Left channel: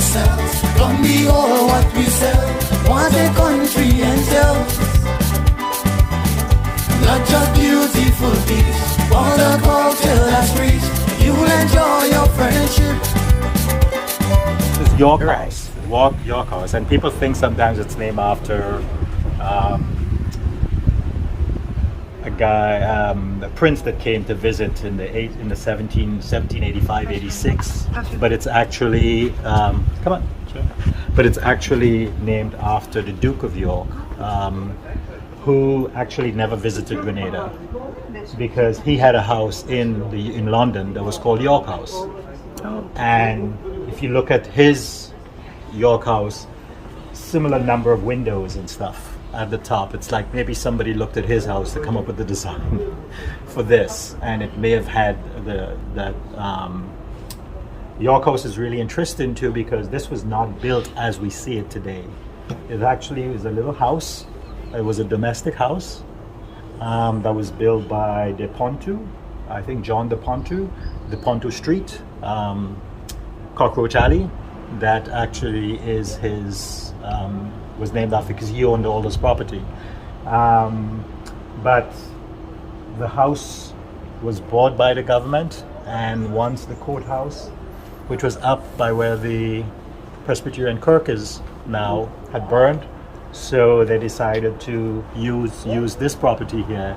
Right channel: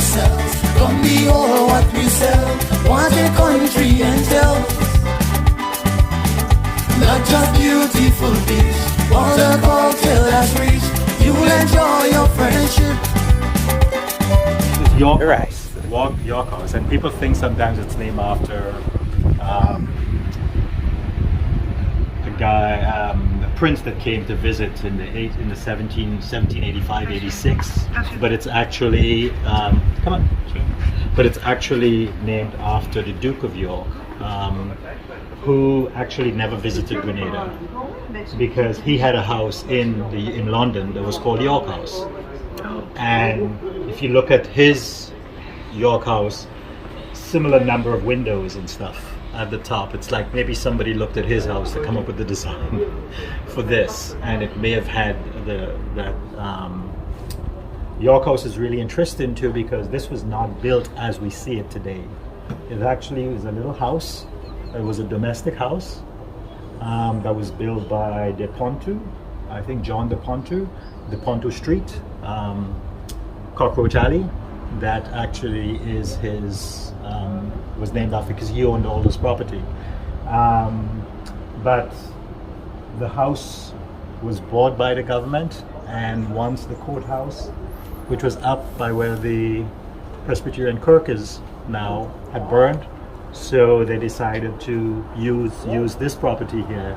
yourselves. Don't be all what we sell. Want a country and tell. Not just beautiful beach, all the culture that's rich. You will enjoy your friendship. York House. York House. And people think sometimes it's named after a guy, a prince that came to visit in the 1785, 86. But it's actually, but it's actually named after the Duke of York, who actually never visited Grenada because he had a house in London that was called York House. And if you look at his York House, similar number of windows and stuff at the top. It's like maybe somebody looked at his house to come up with the design for this, and it may have had the York House is really interesting too because this was not built as we see it today. It actually was a little house. It was a domestic house that was built by De Pontu, I think John De Pontu, De Pontu Street, Cockroach Alley. That actually is his, was named after because he owned all this property. But the house was bought by the government, and once the courthouse, which was up by where the Presbyterian Kirk is now, had burned, so they decided to use this property here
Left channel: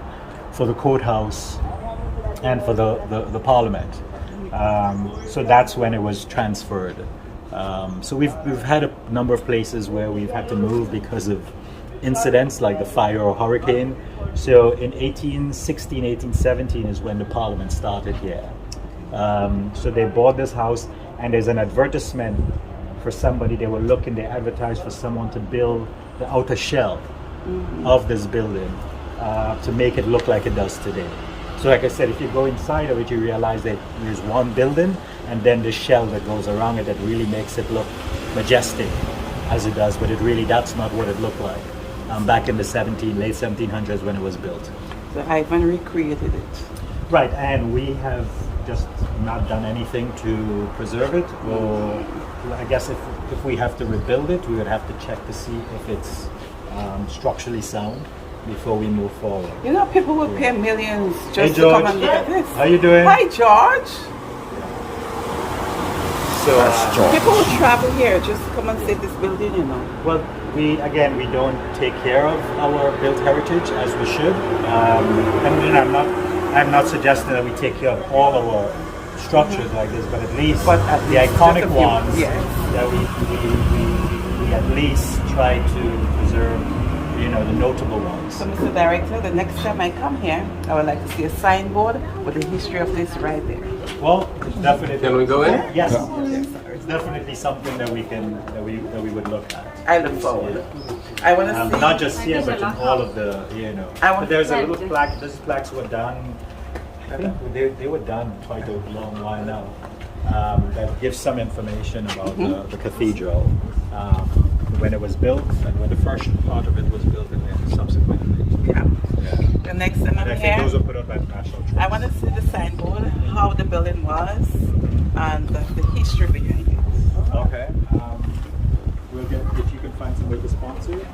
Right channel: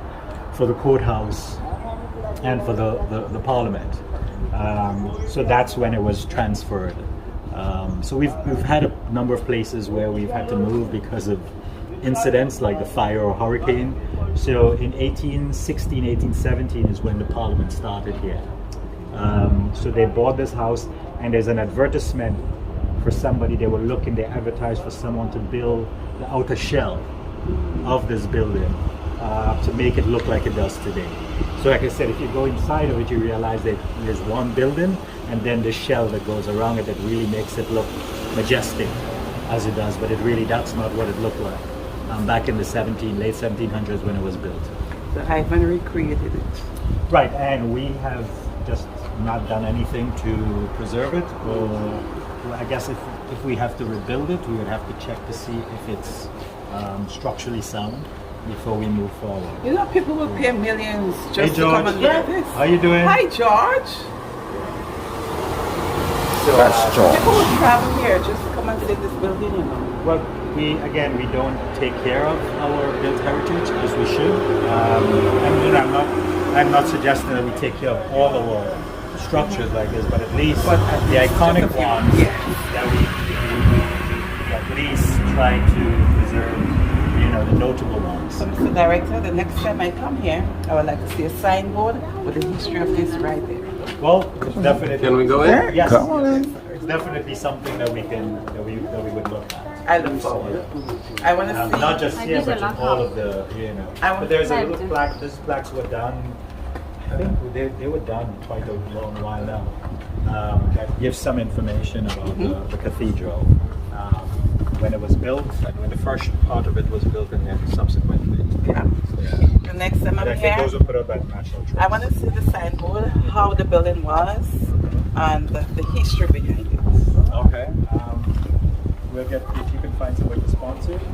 for the courthouse and for the parliament. So that's when it was transferred. So we've had a number of places where we've had to move because of incidents like the fire or hurricane. So in 1816, 1817 is when the parliament started here. So they bought this house, and there's an advertisement for somebody. They were looking, they advertised for someone to build the outer shell of this building to make it look like it does today. So like I said, if you go inside of it, you realize that there's one building and then the shell that goes around it that really makes it look majestic as it does, but that's not what it looked like back in the late 1700s when it was built. So Hyman recreated it. Right, and we have just not done anything to preserve it, or I guess if we have to rebuild it, we would have to check to see if it's structurally sound before we move forward. You know, people will pay millions just Hey, to George. come and look at this. How you doing? Hi, George. So, That's George. People will travel here just to come and see this building. You know. well, we don't take care of our built heritage as we should. I'm not suggesting that we take care of all our structures like this, but at least the iconic ones that we at least try to preserve, the notable ones. So, Mr. Director, the next time I come here, I would like to see a signboard with the history of this right there. Well, it's definitely. Can we go in? Yes. Come on. It's definitely something that we would look at. I look forward. Yeah. I want to see. Not just here, but in all of the, But there's a little plaque. These plaques were done. I think they were done quite a long while now. That gives some information about the cathedral, when it was built, and when the first part of it was built, and then subsequently. Yeah. The next time I'm I think here, those were put up at National Trust. I want to see the signboard, how the building was, and the history behind it. Okay. We'll get, if you can find somebody to sponsor it.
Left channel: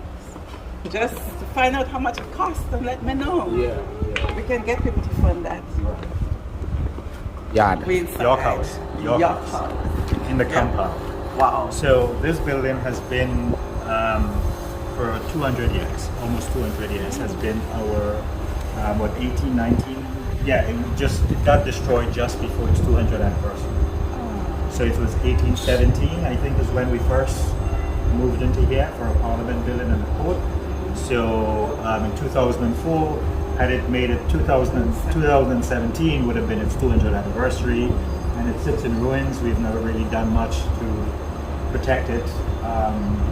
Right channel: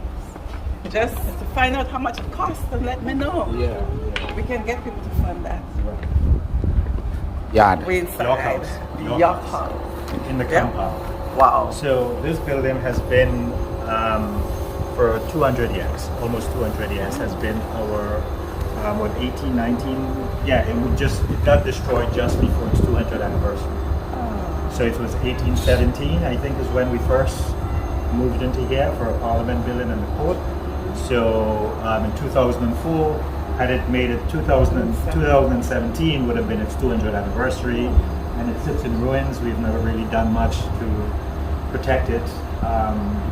Just to find out how much it costs and let me know. Yeah. We can get people to fund that. Right. Yard. We inside. York House. York House. In the compound. Wow. So this building has been for 200 years, almost 200 years, has been our 18, 19. Yeah, it got destroyed just before its 200th anniversary. Oh. So it was 1817, I think, is when we first moved into here for a parliament building and the court. So in 2004, had it made it 2017 would have been its 200th anniversary, and it sits in ruins. We've never really done much to protect it,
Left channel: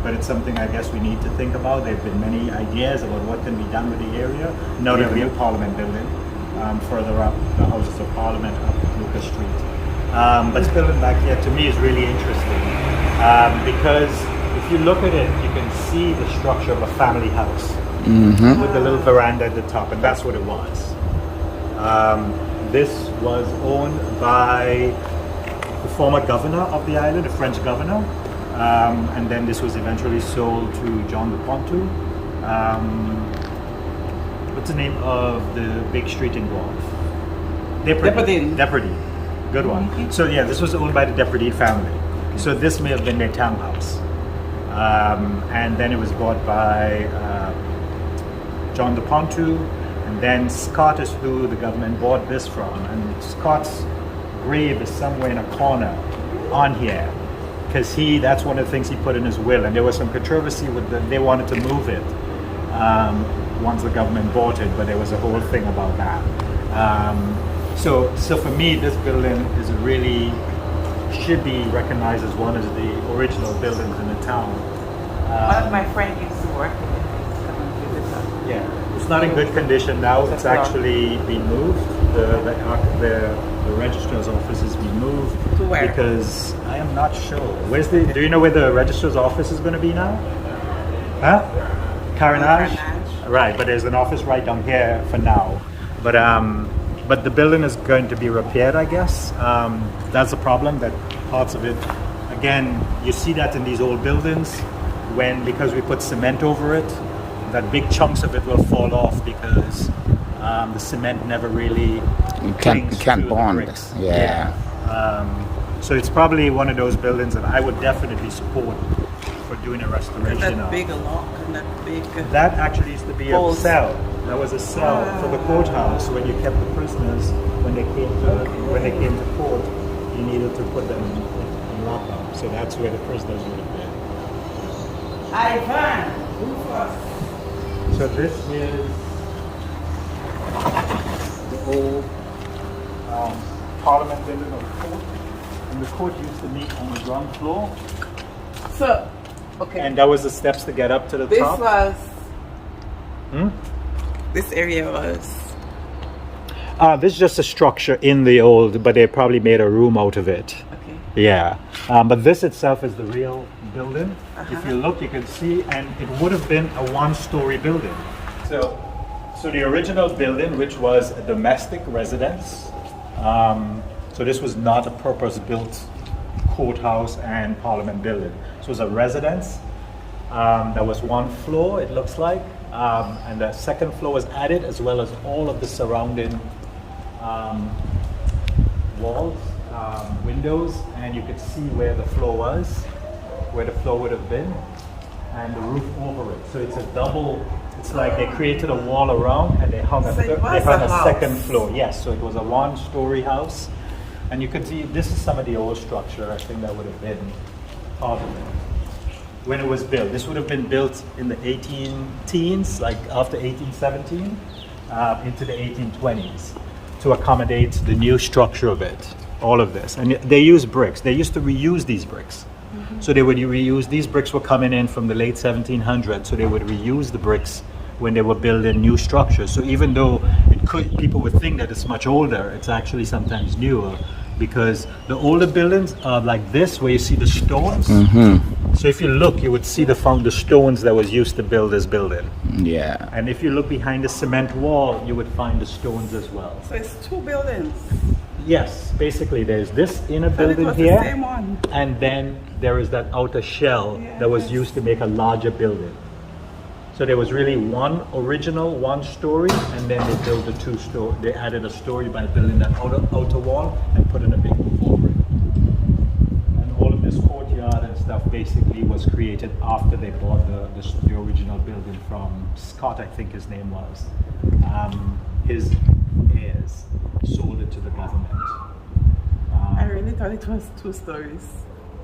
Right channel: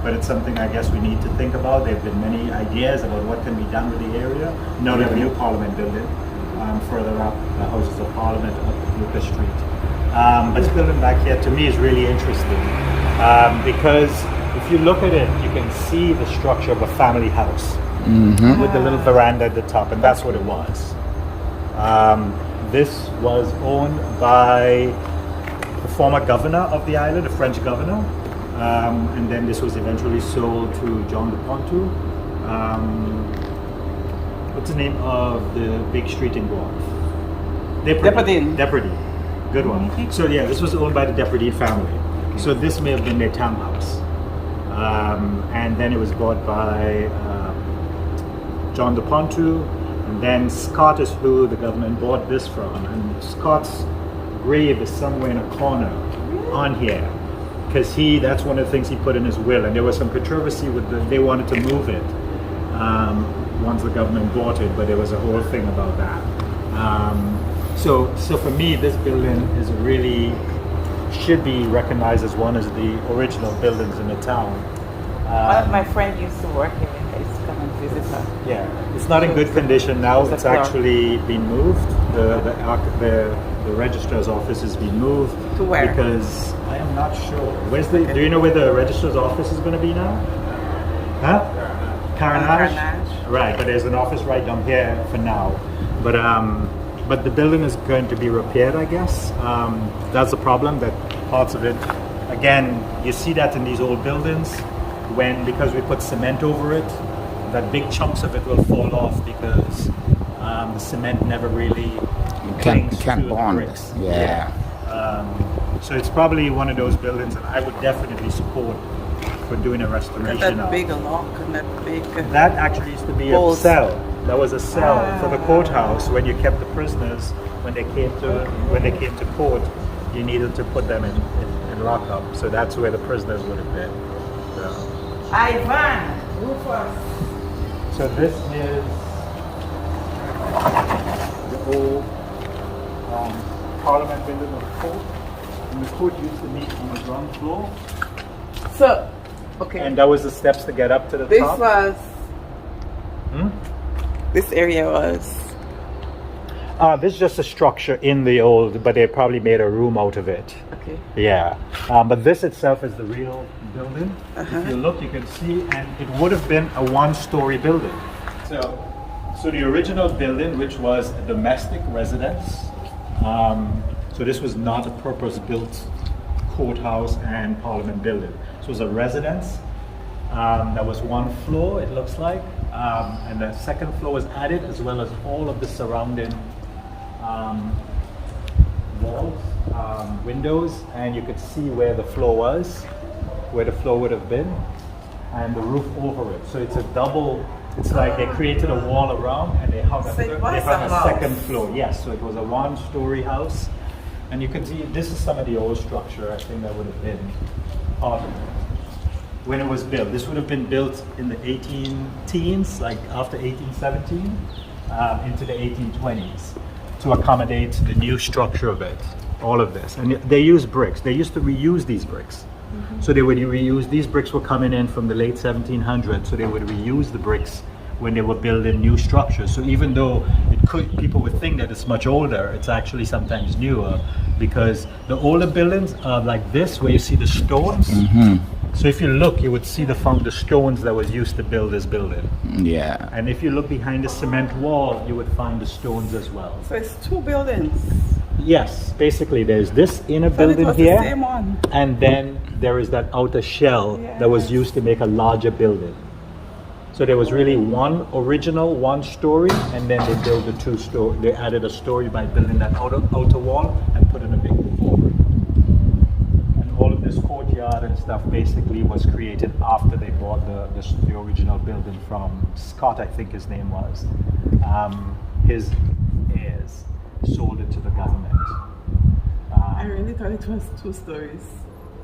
but it's something I guess we need to think about. There have been many ideas about what can be done with the area. Now they have a new parliament building further up, the Houses of Parliament up Lucas Street. But this building back here to me is really interesting because if you look at it, you can see the structure of a family house with the little veranda at the top, and that's what it was. This was owned by the former governor of the island, the French governor, and then this was eventually sold to John de Pontu. What's the name of the big street in Guelph? Depardine. Good one. So yeah, this was owned by the Depardine family. So this may have been their townhouse. And then it was bought by John de Pontu, and then Scott is who the government bought this from. And Scott's grave is somewhere in a corner on here, because that's one of the things he put in his will, and there was some controversy with they wanted to move it once the government bought it, but there was a whole thing about that. So for me, this building is should be recognized as one of the original buildings in the town. My friend used to work here. I used to come and visit her. Yeah, it's not in good condition now. It's actually been moved. The registrar's office has been moved. To where? Because I am not sure. Do you know where the registrar's office is going to be now? Huh? Carnage? Right, but there's an office right down here for now. But the building is going to be repaired, I guess. That's the problem, that parts of it, again, you see that in these old buildings, because we put cement over it, that big chunks of it will fall off because the cement never really can't bond. Yeah. So it's probably one of those buildings that I would definitely support for doing a restoration That of. big lock and that big... That actually used to be a cell. That was a cell for the courthouse when you kept the prisoners when they came to court. You needed to put them in lockup, so that's where the prisoners would have been. So. Ivan, Rufus. So this is the old Parliament building of the court, and the court used to meet on the ground floor. So, okay. And that was the steps to get up to the top. This area was... This is just a structure in the old, but they probably made a room out of it. Okay. Yeah. But this itself is the real building. If you look, you can see, and it would have been a one-story building. So the original building, which was a domestic residence, so this was not a purpose-built courthouse and parliament building. So it was a residence. That was one floor, it looks like. And the second floor was added, as well as all of the surrounding walls, windows, and you could see where the floor was, where the floor would have been, and the roof over it. So it's a double. It's like they created a wall around, and they hung a second floor. Yes, so it was a one-story house, and you could see this is some of the old structure. I think that would have been part of it. When it was built. This would have been built in the 18-teens, like after 1817, into the 1820s, to accommodate the new structure of it, all of this. And they used bricks. They used to reuse these bricks. So they would reuse, these bricks were coming in from the late 1700s, so they would reuse the bricks when they were building new structures. So even though people would think that it's much older, it's actually sometimes newer, because the older buildings are like this, where you see the stones. So if you look, you would see the stones that was used to build this building. Yeah. And if you look behind the cement wall, you would find the stones as well. So it's two buildings. Yes, basically there's this inner building here, the same one. and then there is that outer shell that was used to make a larger building. So there was really one original one-story, and then they built the two-story. They added a story by building that outer wall and putting a big roof over it. All of this courtyard and stuff basically was created after they bought the original building from Scott, I think his name was. His heirs sold it to the government. I really thought it was 2 stories.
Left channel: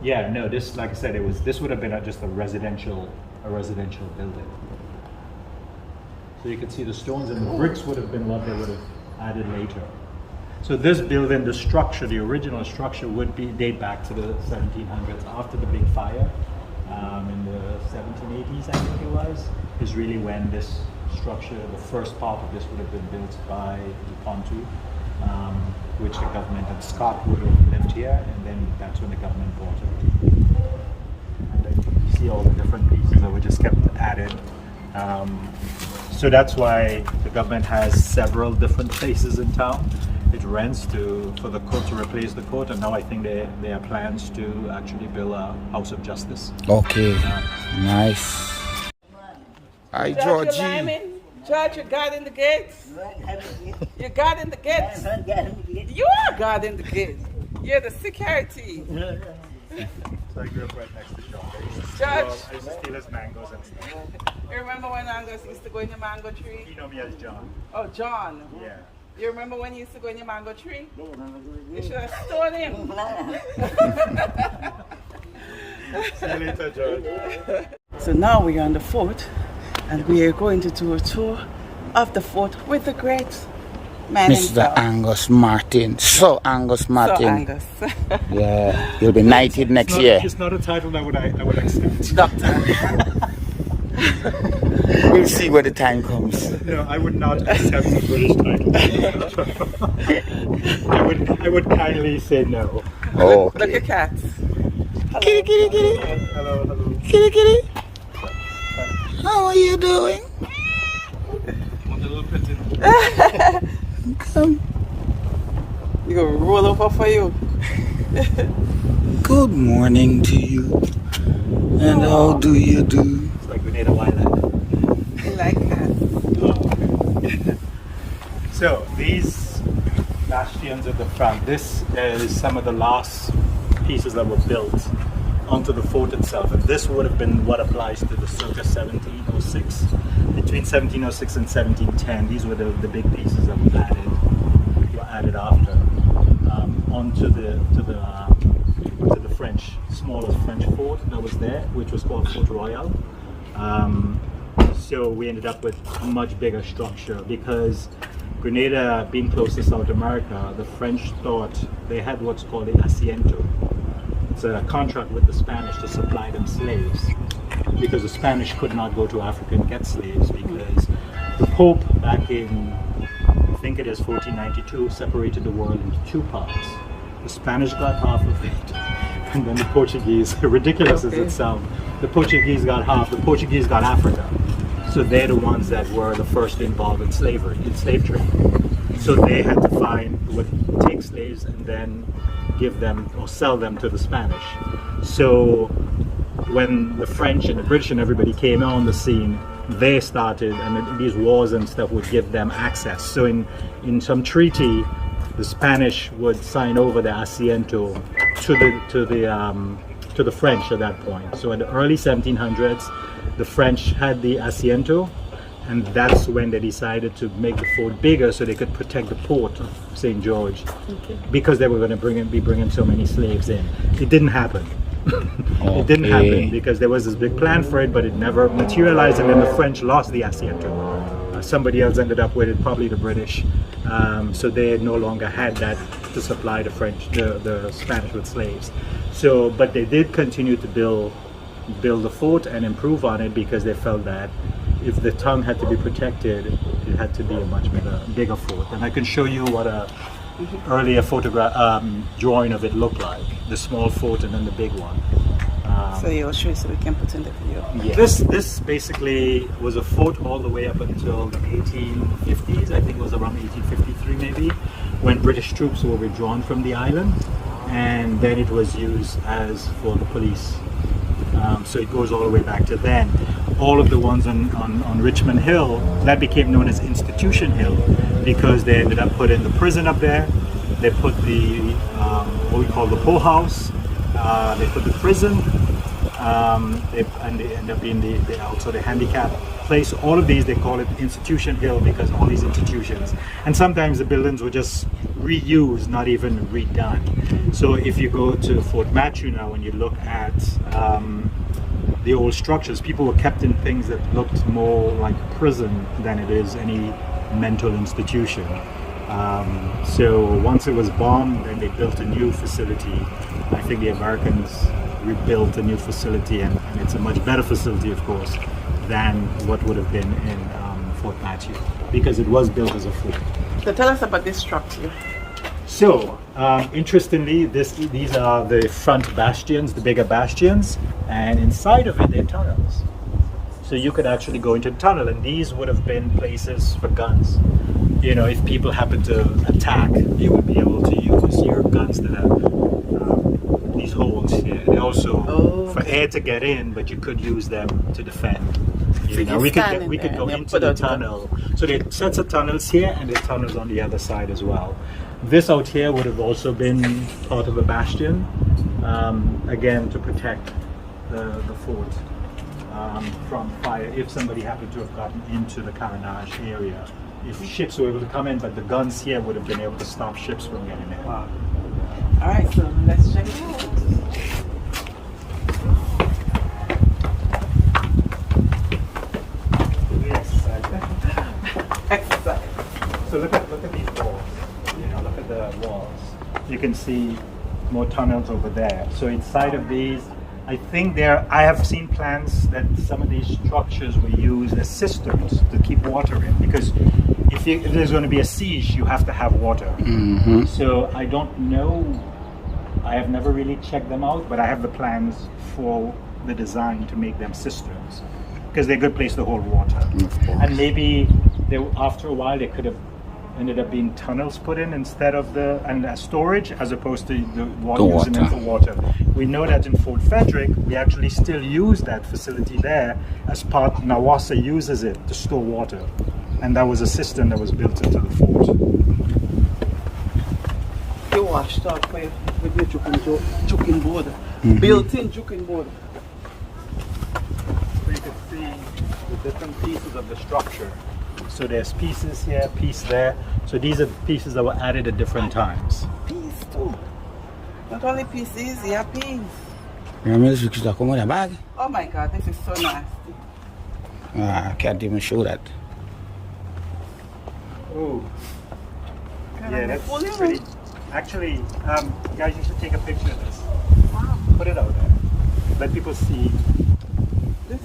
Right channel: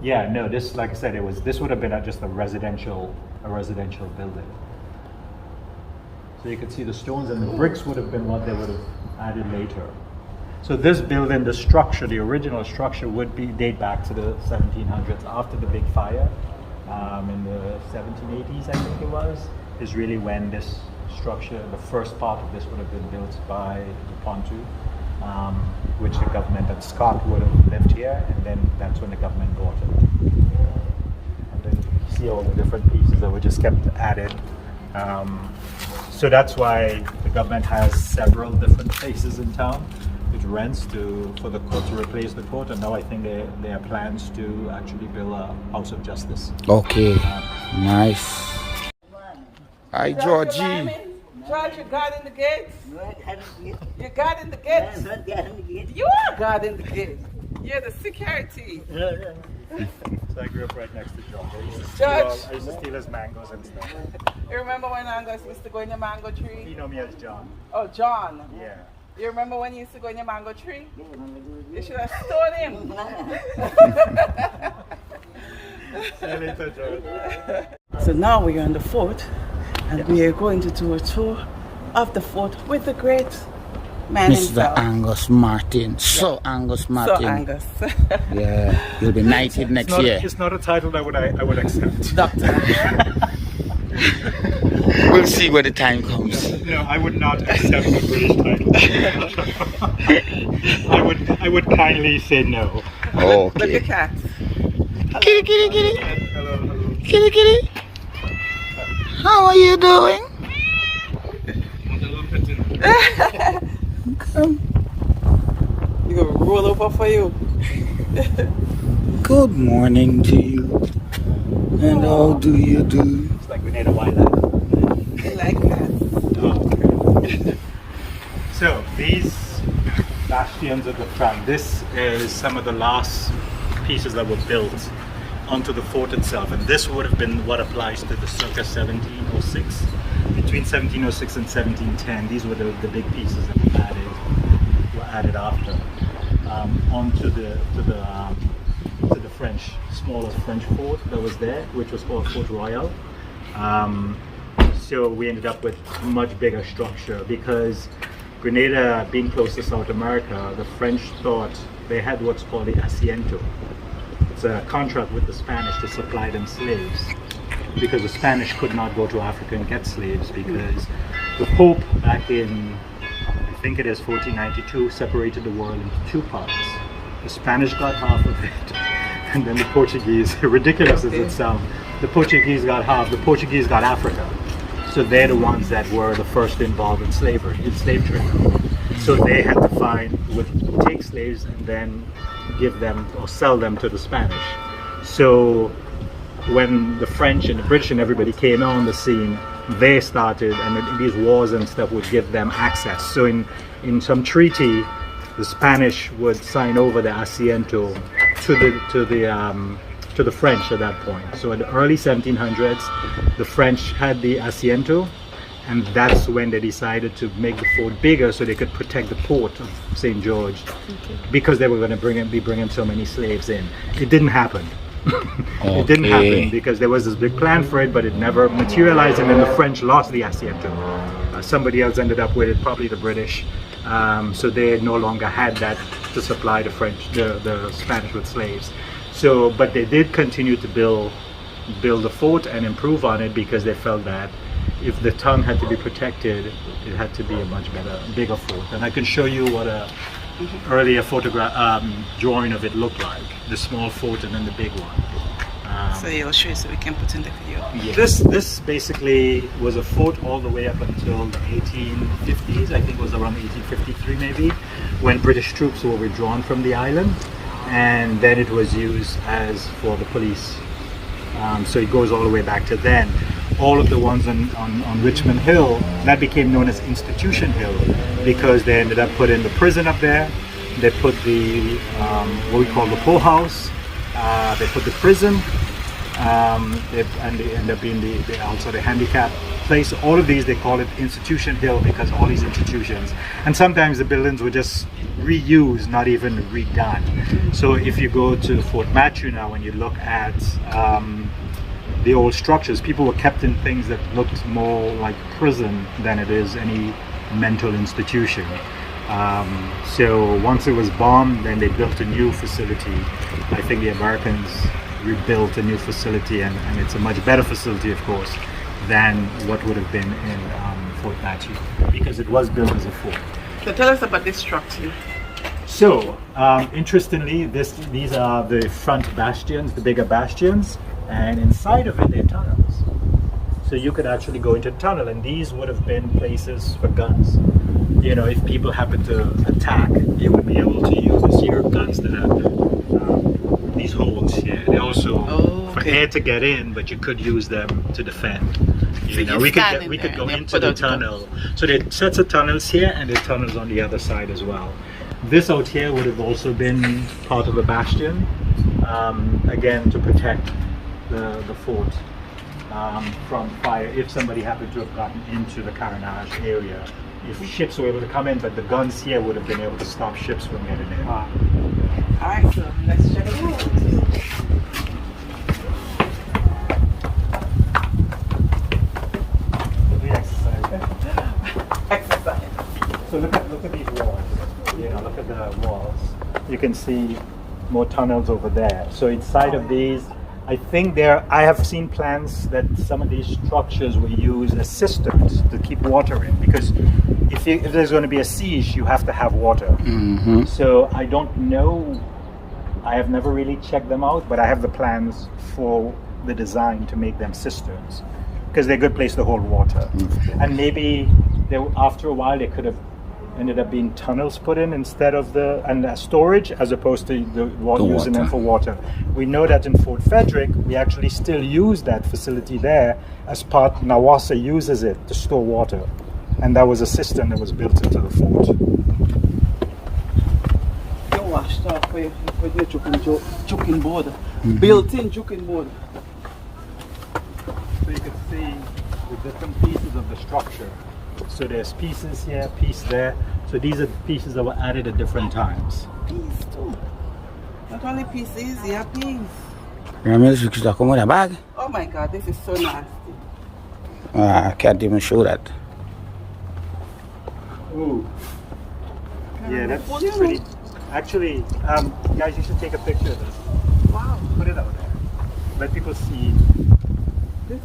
Yeah, no, this, like I said, this would have been just a residential building. So you could see the stones, and the bricks would have been what they would have added later. So this building, the structure, the original structure, would date back to the 1700s, after the big fire in the 1780s, I think it was, is really when this structure, the first part of this would have been built by the Pontu, which the government and Scott would have lived here, and then that's when the government bought it. And then you see all the different pieces that were just kept added. So that's why the government has several different places in town. it rents for the court to replace the court, and now I think there are plans to actually build a house of justice. Okay. Nice. Hi, George, Georgie. George, you guarding the gates? You guarding the gates? You are guarding the gates. You're the security. So I grew up right next to George. George. I used to steal his mangoes and stuff. You remember when I used to go in the mango tree? You know me as John. Oh, John. Yeah. You remember when you used to go in the mango tree? You should have stolen him. See you later, George. So now we are on the fort, and we are going to do a tour of the fort with the great man Mr. himself. Angus Martin. So Angus Martin. So Angus. Yeah. He'll be knighted next year. It's not a title that I would accept. Doctor. We'll see when the time comes. No, I would not accept the British title. I would kindly say no. Okay. Look at cats. Kitty, kitty, kitty. Hello, hello. Kitty, kitty. How are you doing? Come. You gonna roll over for you. Good morning to you. And how do you do? It's like Grenada Wildland. You like cats. Oh, okay. So these bastions at the front, this is some of the last pieces that were built onto the fort itself, and this would have been what applies to the circa 1706. Between 1706 and 1710, these were the big pieces that were added after onto the French, smaller French fort that was there, which was called Fort Royal. So we ended up with a much bigger structure because Grenada, being close to South America, the French thought they had what's called the asiento. It's a contract with the Spanish to supply them slaves, because the Spanish could not go to Africa and get slaves because the Pope back in, I think it is 1492, separated the world into two parts. The Spanish got half of it, and then the Portuguese, ridiculous as it sounds, the Portuguese got half, the Portuguese got Africa. So they're the ones that were the first involved in slavery, in slave trade. So they had to take slaves and then give them or sell them to the Spanish. So when the French and the British and everybody came on the scene, they started, and these wars and stuff would give them access. So in some treaty, the Spanish would sign over the asiento to the French at that point. So in the early 1700s, the French had the asiento, and that's when they decided to make the fort bigger so they could protect the port of St. George, because they were going to be bringing so many slaves in. It didn't happen. It didn't happen because there was this big plan for it, but it never materialized, and then the French lost the asiento. Somebody else ended up with it, probably the British. So they no longer had that to supply the Spanish with slaves. So, but they did continue to build the fort and improve on it, because they felt that if the tongue had to be protected, it had to be a much bigger fort. And I can show you what a earlier drawing of it looked like. The small fort and then the big one. So you'll show you so we can put in the video. Yeah. This basically was a fort all the way up until the 1850s. I think it was around 1853 maybe, when British troops were withdrawn from the island, and then it was used for the police. So it goes all the way back to then. All of the ones on Richmond Hill, that became known as Institution Hill, because they ended up putting the prison up there. They put the what we call the Courthouse. They put the prison, and they end up being also the handicap place. All of these, they call it Institution Hill because all these institutions, and sometimes the buildings were just reused, not even redone. So if you go to Fort Matthew now and you look at the old structures, people were kept in things that looked more like prison than it is any mental institution. So once it was bombed, then they built a new facility. I think the Americans rebuilt a new facility, and it's a much better facility, of course, than what would have been in Fort Matthew, because it was built as a fort. So tell us about this structure. So, interestingly, these are the front bastions, the bigger bastions, and inside of it, they're tunnels. So you could actually go into the tunnel, and these would have been places for guns. You know, if people happen to attack, you would be able to use your guns that have these holes here. And also for air to get in, but you could use them to defend. You know, we could go into the tunnel. So there are sets of tunnels here, and there are tunnels on the other side as well. This out here would have also been part of a bastion, again to protect the fort from fire if somebody happened to have gotten into the carronage area. If ships were able to come in, but the guns here would have been able to stop ships from getting in. Wow. All right, so let's check it out. Exercise. So look at these walls. You know, look at the walls. You can see more tunnels over there. So inside of these, I think I have seen plans that some of these structures were used as cisterns to keep water in, because if there's going to be a siege, you have to have water. Mm-hmm. So I don't know. I have never really checked them out, but I have the plans for the design to make them cisterns, because they're a good place to hold water. And maybe after a while they could have ended up being tunnels put in instead of storage, as opposed to using them for water. We know that in Fort Frederick, we actually still use that facility there as part. Nawassa uses it to store water, and that was a cistern that was built into the fort. You washed up with your juking board, built-in juking board. So you can see the different pieces of the structure. So there's pieces here, piece there. So these are pieces that were added at different times. Piece too. Not only pieces, yeah, piece. Oh my God, this is so nasty. I can't even show that. Ooh. Yeah, that's pretty. Actually, guys, you should take a picture of this. Wow. Put it out there. Let people see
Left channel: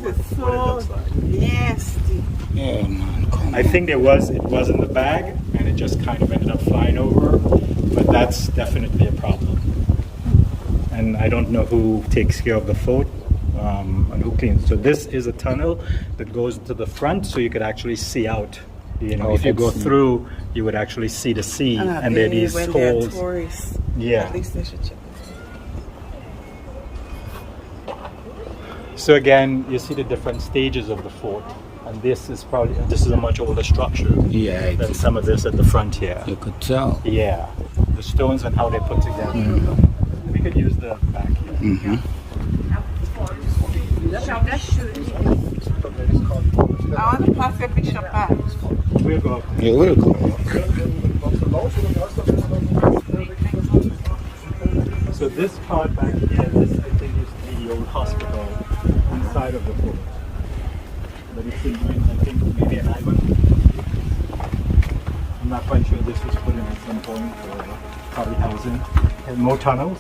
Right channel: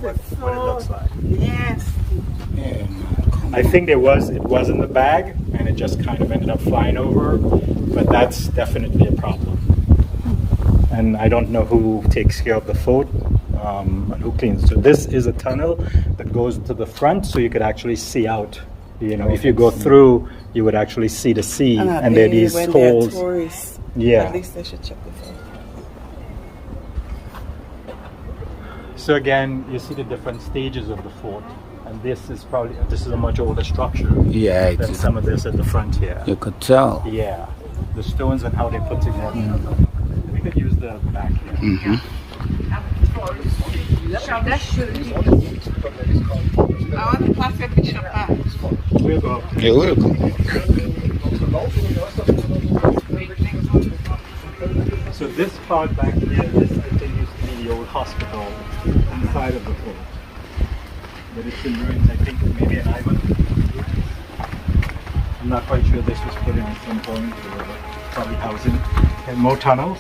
what it looks like. Nasty. Yeah, man. I think it was in the bag, and it just kind of ended up flying over. But that's definitely a problem. And I don't know who takes care of the fort and who cleans. So this is a tunnel that goes to the front, so you could actually see out. You know, if you go through, you would actually see the sea, and there are these holes. Tourists, yeah. At least they should check it. So again, you see the different stages of the fort, and this is a much older structure. Yeah, than some of this at the front here. you could tell. Yeah, the stones and how they're put together. We could use the back here. Mm-hmm. I want to pass a picture back. We'll go up. Yeah, we'll go. So this part back here, this I think used to be the old hospital inside of the fort. But it's in ruins, I think maybe an island. I'm not quite sure this was put in at some point, or probably housing. And more tunnels.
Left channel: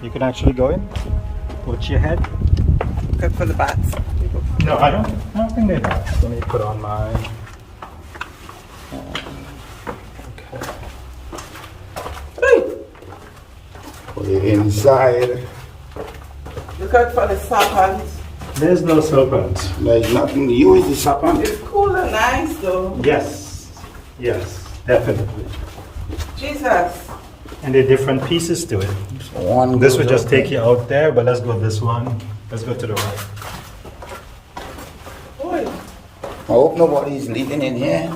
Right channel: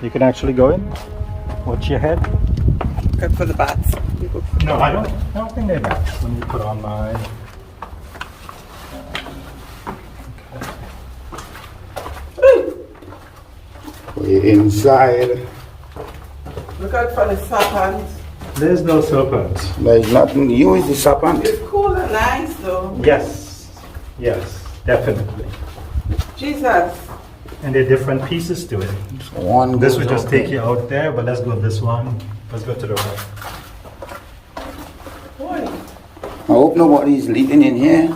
You can actually go in. Watch your head. Good for the bats. No, I don't think they're bats. Let me put on my. We're inside. Look out for the serpents. There's no serpent. There's nothing. You is the serpent. It's cool and nice though. Yes, definitely. Jesus. And there are different pieces to it. So one This goes would just out take there. you out there, but let's go this one. Let's go to the right. Boy. I hope nobody's living in here.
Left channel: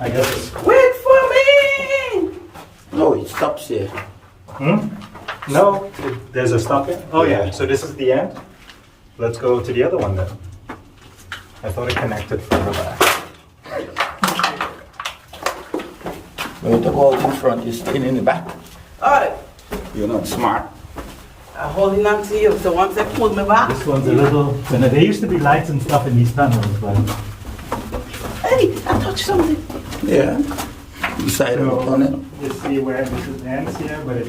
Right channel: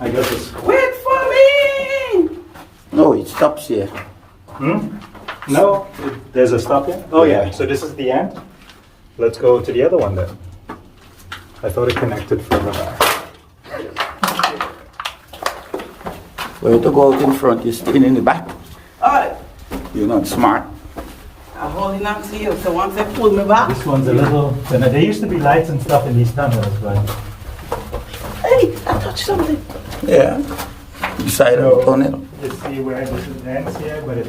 I guess it's. Wait for me! No, it stops here. No, there's a stop here. Oh yeah, so this is the end. Let's go to the other one then. I thought it connected from the back. For you to go out in front, you're staying in the back. Alright. You're not smart. I'm holding on to you, so once I pull me back. This one's a little. And there used to be lights and stuff in these tunnels, but. Hey, I touched something. Yeah. Beside of the tunnel. You see where this ends here, but it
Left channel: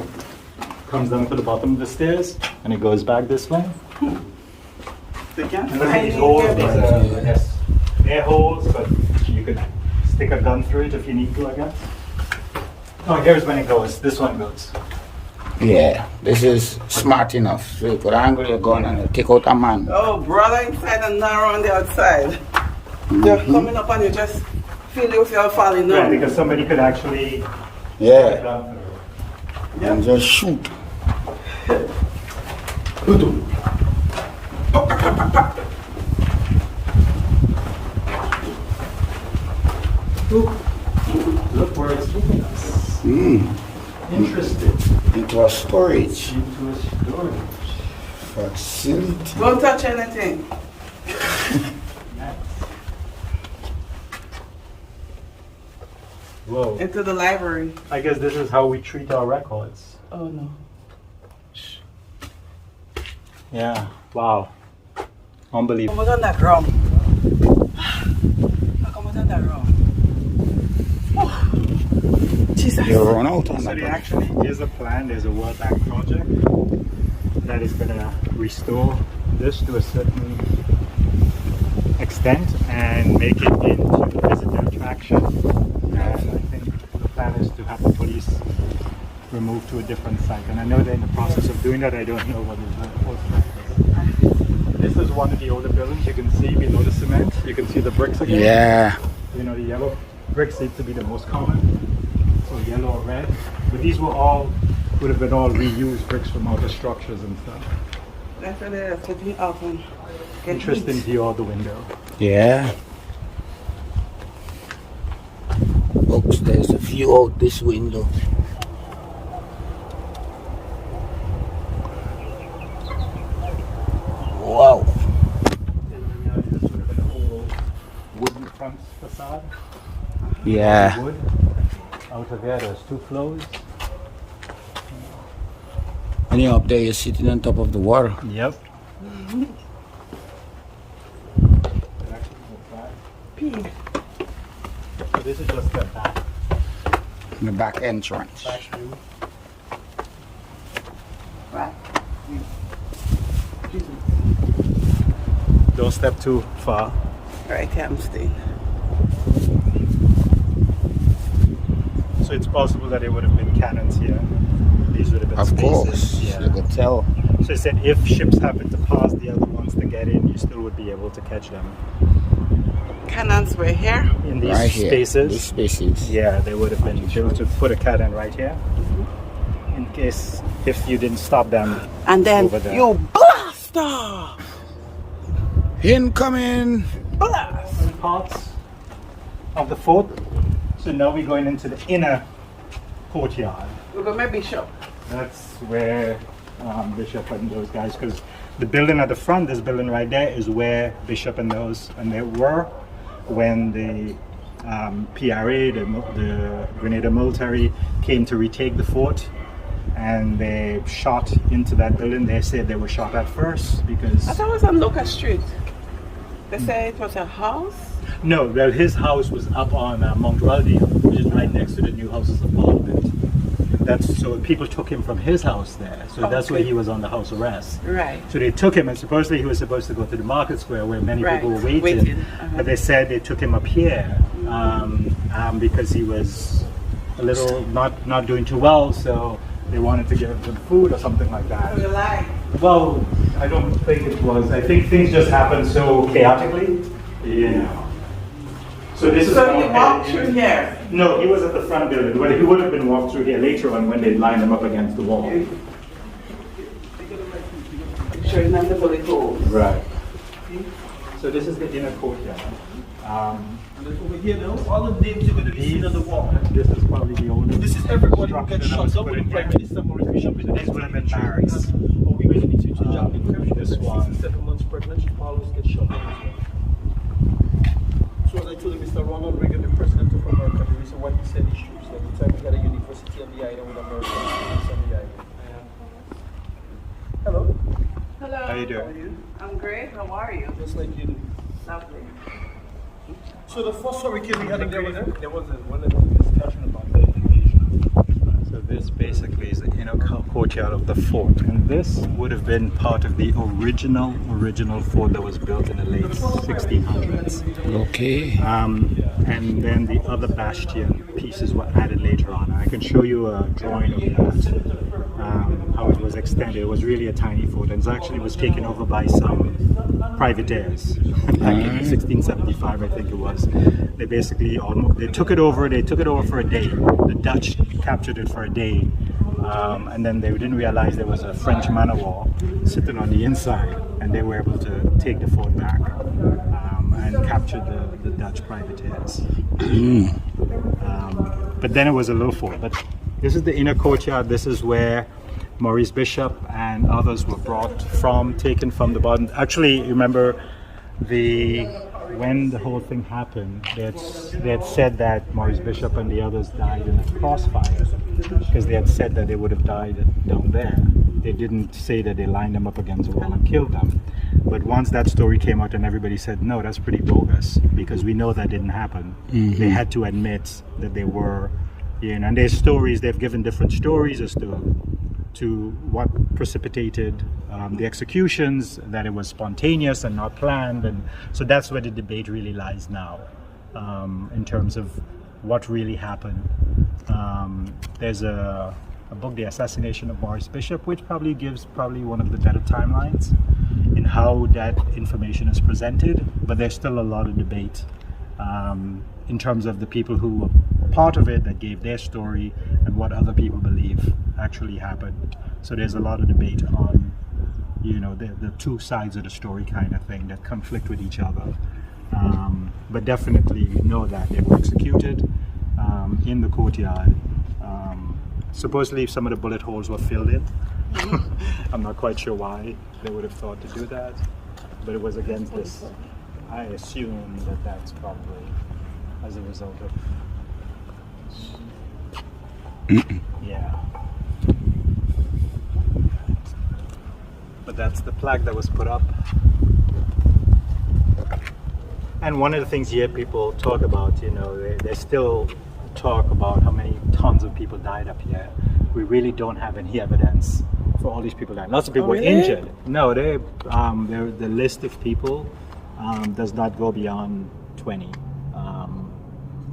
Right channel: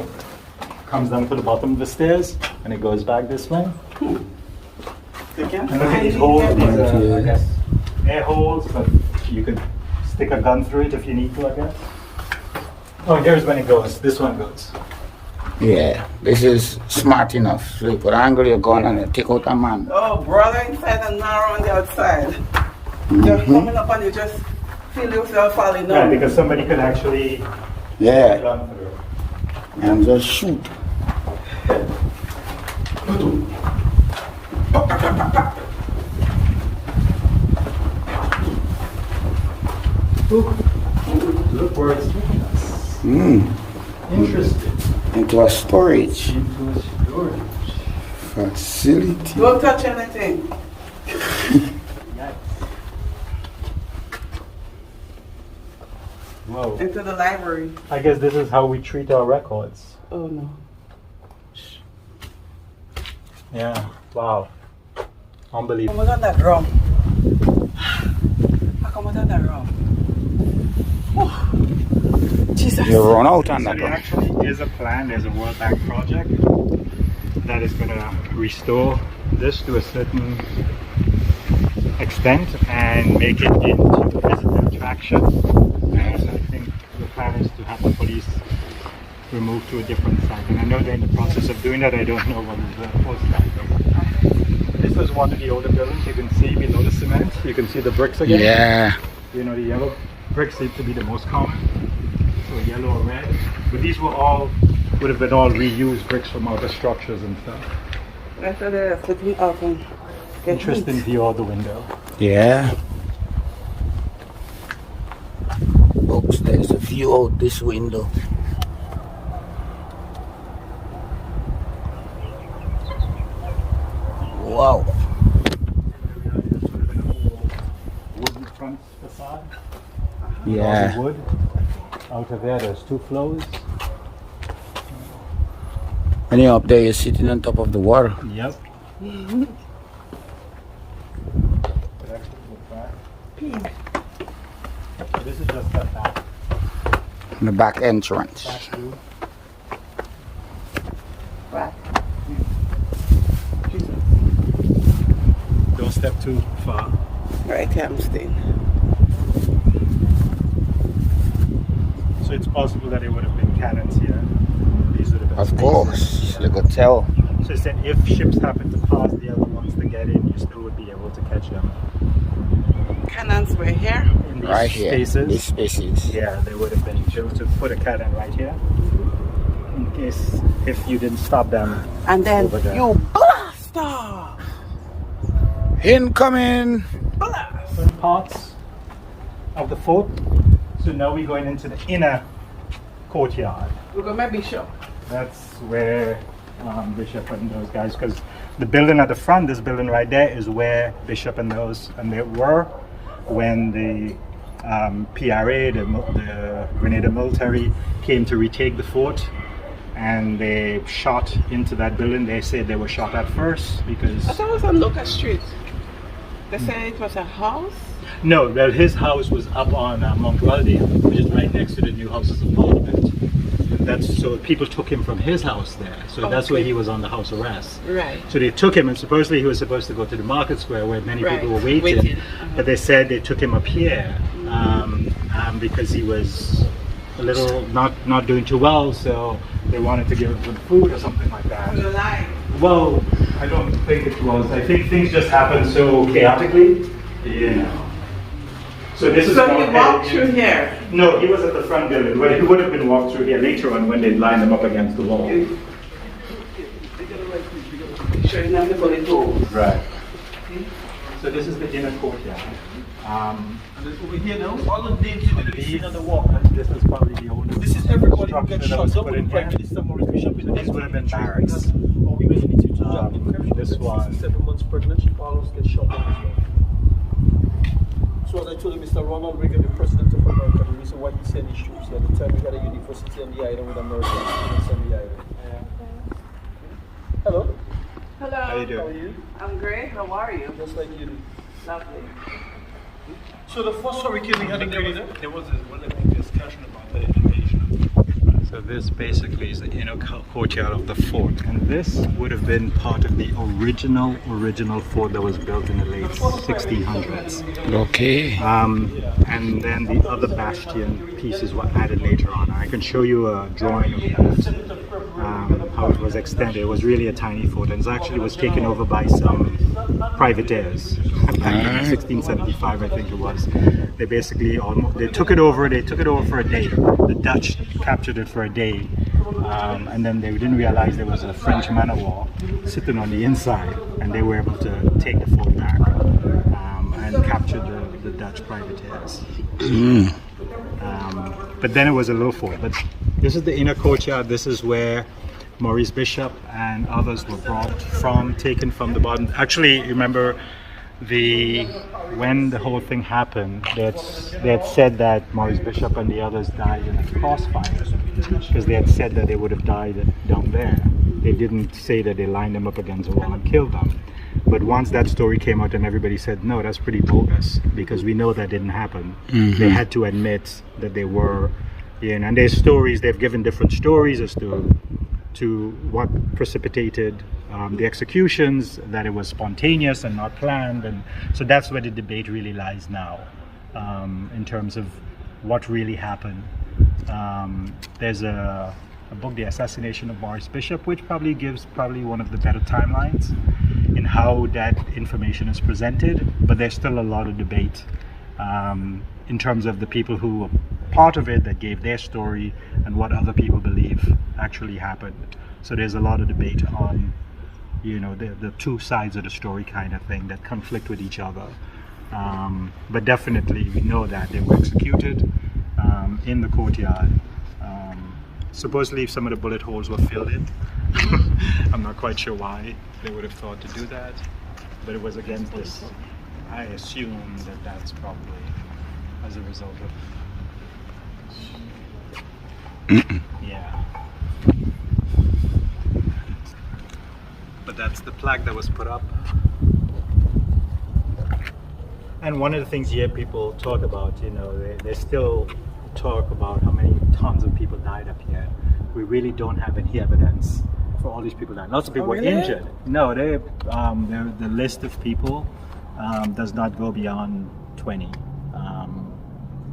comes down to the bottom of the stairs, and it goes back this way. They can't And look at find these it. holes. These Right are, here. I guess, air holes, but you can stick a gun through it if you need to, I guess. Oh, here's when it goes. This one goes. Yeah, this is smart enough. So you could angle your gun and take out a man. Oh, broader inside and narrow on the outside. You're coming up and you just feel yourself falling down. Right, because somebody could actually Yeah, and just shoot. Look where it's taking us. Mm. Interesting. Into a storage Into a storage. facility. Don't touch anything. Nice. Whoa. Into the library. I guess this is how we treat our records. Oh no. Yeah. Wow. Unbelievable. Come underground. I come underground. Oh. Jesus. You run out on So that there one. actually is a plan, there's a World Bank project that is going to restore this to a certain extent and make it into a visitor attraction. And I think the plan is to have the police removed to a different site. And I know they're in the process of doing that. I don't know what is the post site. This is one of the older buildings. You can see below the cement. You can see the bricks again. Yeah. You know, the yellow bricks seem to be the most common. So yellow or red. But these would have been all reused bricks from other structures and stuff. That's why they're flipping up and get Interesting heat. view of the window. Yeah. Folks, there's a view out this window. Wow. Wooden front facade. Yeah. Wood. Out of there, there's 2 floors. And up there, you're sitting on top of the water. Yep. So this is just the back The back entrance. view. Right. Don't step too far. Right here I'm staying. So it's possible that there would have been cannons here. These would have been Of spaces. course. Yeah. You could tell. So it said if ships happen to pass the other ones to get in, you still would be able to catch them. Cannons were here. In these Right here. spaces. These spaces. Yeah, they would have been able to put a cannon right here. In case if you didn't stop them. And then Over there. you blast off. Incoming. Blast. Some parts of the fort. So now we're going into the inner courtyard. We're going to Bishop. That's where Bishop and those guys, because the building at the front, this building right there, is where Bishop and they were when the PRA, the Grenada military, came to retake the fort, and they shot into that building. They said they were shot at first because I thought it was on Lucas Street. They said it was a house. no, well, his house was up on Mount Waldia, which is right next to the new Houses of Parliament. That's so people took him from his house there. So that's where he was on the house arrest. Right. So they took him, and supposedly he was supposed to go to the market square where many Right. people were waiting. Uh-huh. But they said they took him up here because he was a little not doing too well. So they wanted to give him some food or something like that. For the line. Well, I don't think it was. I think things just happened so chaotically, you know. So this is So all we walked through here. No, he was at the front building. Well, he would have been walked through here later on when they lined them up against the wall. Showing them the bullet holes. Right. So this is the inner courtyard. And then over here now, all the names you're going to be seeing on the wall. This is probably the oldest. This is everybody who gets structure that shot. was Don't put in be here. right. This is the Morris Bishop. This would have been barracks. Or we will be teaching Jack. This one. 7 months pregnant, she follows get shot down as well. So as I told you, Mr. Ronald Reagan, the president of America, the reason why he sent these troops here, at the time we had a university on the island with American students on the island. Hello, Hello. How you doing? I'm great. How are you? just like you. Lovely. So the first hurricane we had in there, There was one discussion about the education. So this basically is the inner courtyard of the fort, and this would have been part of the original fort that was built in the late 1600s. Okay. And then the other bastion pieces were added later on. I can show you a drawing of that, how it was extended. It was really a tiny fort, and it actually was taken over by some privateers back in 1675, I think it was. They basically they took it over for a day. The Dutch captured it for a day, and then they didn't realize there was a French man of war sitting on the inside, and they were able to take the fort back and capture the Dutch privateers. But then it was a low fort. But this is the inner courtyard. This is where Maurice Bishop and others were taken from the bottom. Actually, remember when the whole thing happened, they had said that Maurice Bishop and the others died in a crossfire, because they had said that they would have died down there. They didn't say that they lined them up against the wall and killed them. But once that story came out and everybody said, no, that's pretty bogus, because we know that didn't happen. They had to admit that they were, and there's stories, they've given different stories as to what precipitated the executions, that it was spontaneous and not planned. And so that's where the debate really lies now, in terms of what really happened. There's a book, The Assassination of Maurice Bishop, which probably gives one of the better timelines in how that information is presented, but there's still a lot of debate in terms of the people who were part of it, that gave their story, and what other people believe actually happened. So there's a lot of debate on, the two sides of the story kind of thing that conflict with each other. But definitely we know that they were executed in the courtyard. Supposedly some of the bullet holes were filled in. I'm not quite sure why they would have thought to do that, but it was against this. I assume that that's probably as a result of yeah. But that's the plaque that was put up. And one of the things you hear people talk about, they still talk about how many tons of people died up here. We really don't have any evidence for all these people dying. Lots of people were injured. No, the list of people does not go beyond 20.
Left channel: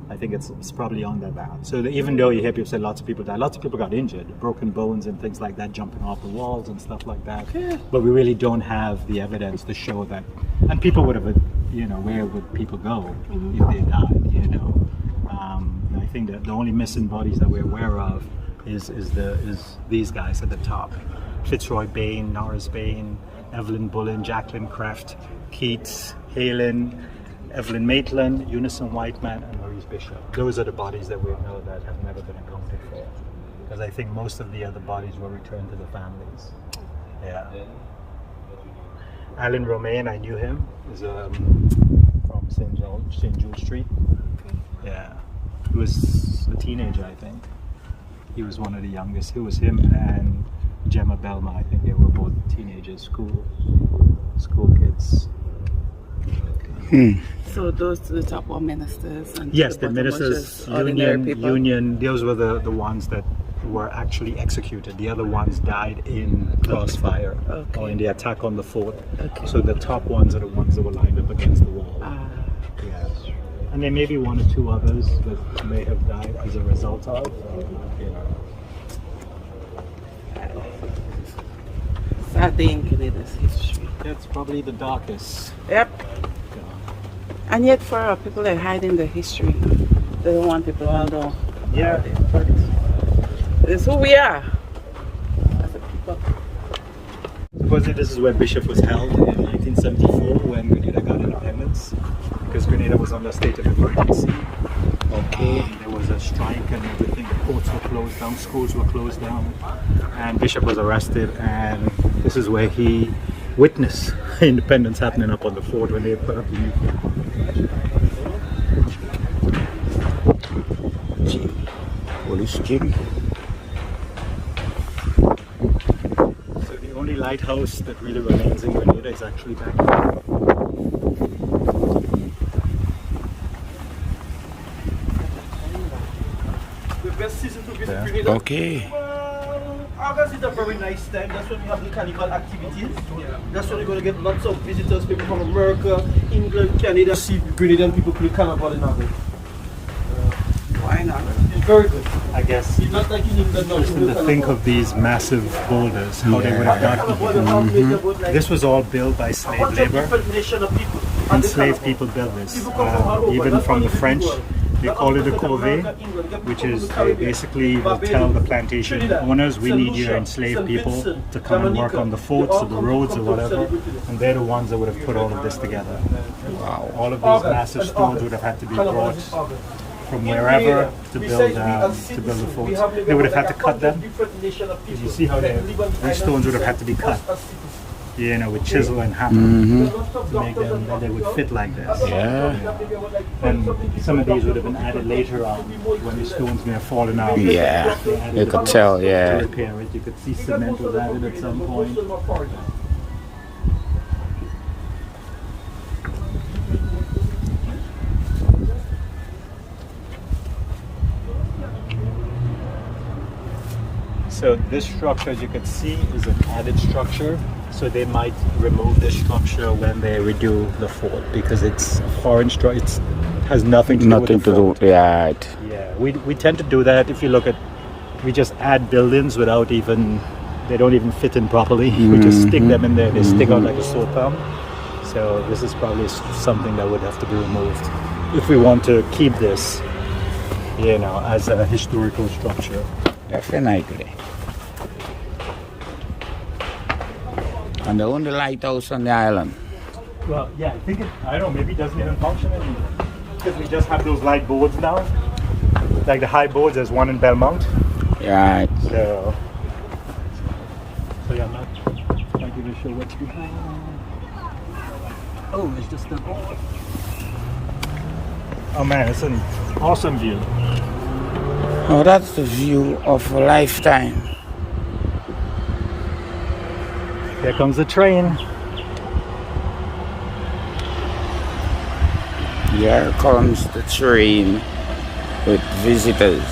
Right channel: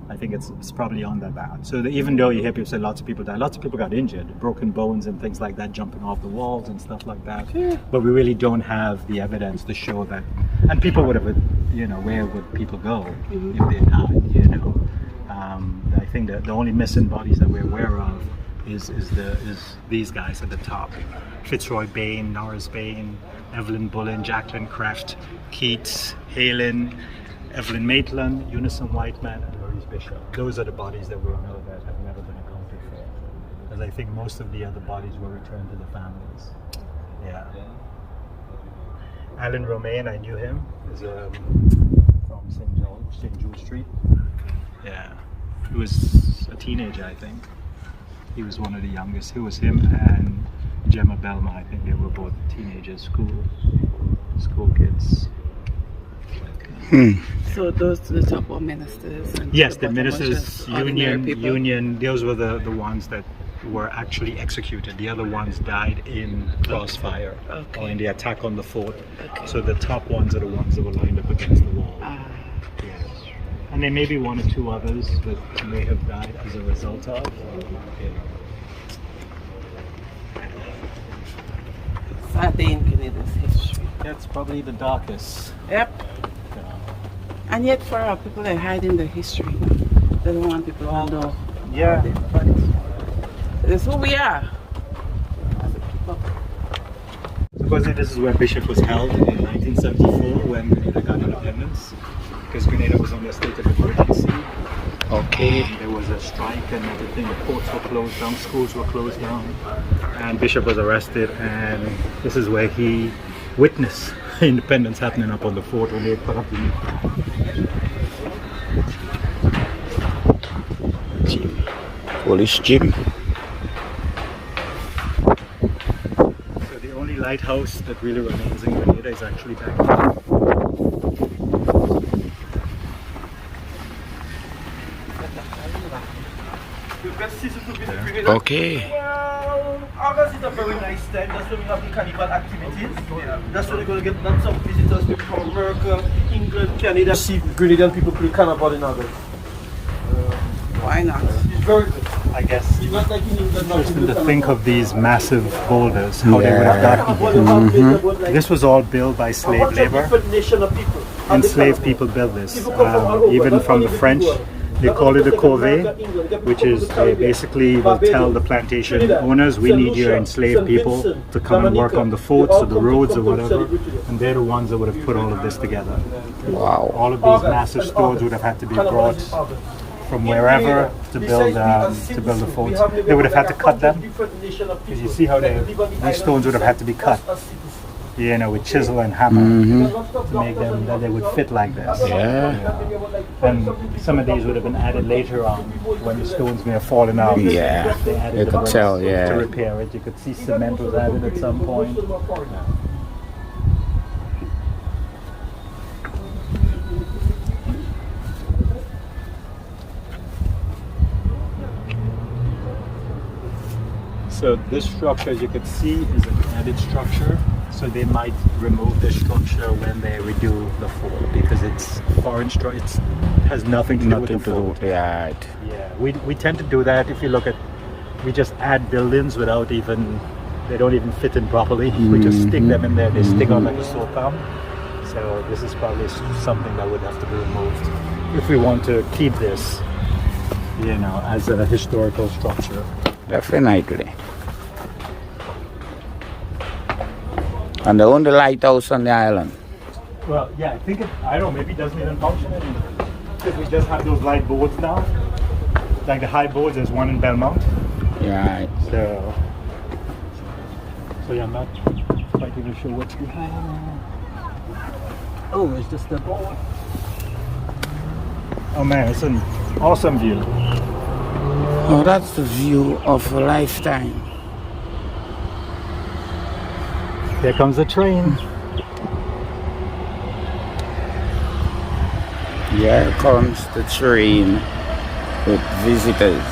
I think it's probably on that bad. So even though you hear people say lots of people died, lots of people got injured, broken bones and things like that, jumping off the walls and stuff like that. Yeah. But we really don't have the evidence to show that. And people would have, where would people go if they died? I think that the only missing bodies that we're aware of is these guys at the top: Fitzroy Bain, Norris Bain, Evelyn Bullen, Jacqueline Kreft, Keats, Halen, Evelyn Maitland, Unison Whiteman, and Maurice Bishop. Those are the bodies that we know that have never been accounted for, because I think most of the other bodies were returned to the families. Yeah. Alan Romaine, I knew him. He's from St. Jude Street. Yeah. He was a teenager, I think. He was one of the youngest. It was him and Gemma Belma. I think they were both teenagers, school kids. So those to the top were ministers? And yes, the ministers, union, those were the ones that were actually executed. The other ones died in crossfire or in the attack on the fort. So the top ones are the ones that were lined up against the wall. Yeah. And there may be one or two others that may have died as a result of. Sad day in Canada's history. That's probably the darkest. Yep. And yet for people that are hiding the history, they don't want people to know. Yeah. But it's who we are as a people. Supposedly this is where Bishop was held in 1974 when Grenada got independence, because Grenada was under a state of emergency. There was a strike and everything. The ports were closed down, schools were closed down, and Bishop was arrested, and this is where he witnessed independence happening up on the fort when they put up the new flag. Jim. Police Jim. So the only lighthouse that really remains in Grenada is actually back there. Best season to visit Grenada. Well, August is a very nice time. That's when we have the carnival activities. Yeah. That's when we're going to get lots of visitors, people from America, England, Canada. See Grenadian people play carnival in August. Why Why not? It's very good. I guess It's not like in England. interesting to think of these massive boulders, how they would have gotten here. This was all built by slave labor. Different nation of people. Enslaved people built this. Even from the French, they call it a corvée, which is they basically will tell the plantation owners, we need your enslaved people to come and work on the forts or the roads or whatever, and they're the ones that would have put all of this together. Wow. All of these massive stones would have had to be brought from wherever to build the forts. They would have had to cut them. Because you see how these stones would have had to be cut, you know, with chisel and hammer to make them that they would fit like this. Yeah. And some of these would have been added later on when the stones may have fallen out. Yeah. They added You the could bricks tell, to yeah. repair it. You could see cement was added at some point. So this structure, as you can see, is an added structure. So they might remove this structure when they redo the fort because it's a foreign structure. It has nothing to do with the fort. Yeah. Yeah, we tend to do that. If you look at, we just add buildings without even, they don't even fit in properly. We just stick them in there. They stick out like a sore thumb. So this is probably something that would have to be removed if we want to keep this, you know, as a historical structure. Definitely. And the only lighthouse on the island. Well, yeah, I think I don't know, maybe it doesn't even function anymore. Because we just have those light boards now. Like the high boards, there's one in Belmont. Yeah. So yeah, I'm not quite even sure what's behind. Oh, it's just a board. Oh man, it's an awesome view. Oh, that's the view of a lifetime. Here comes the train. Here comes the train with visitors.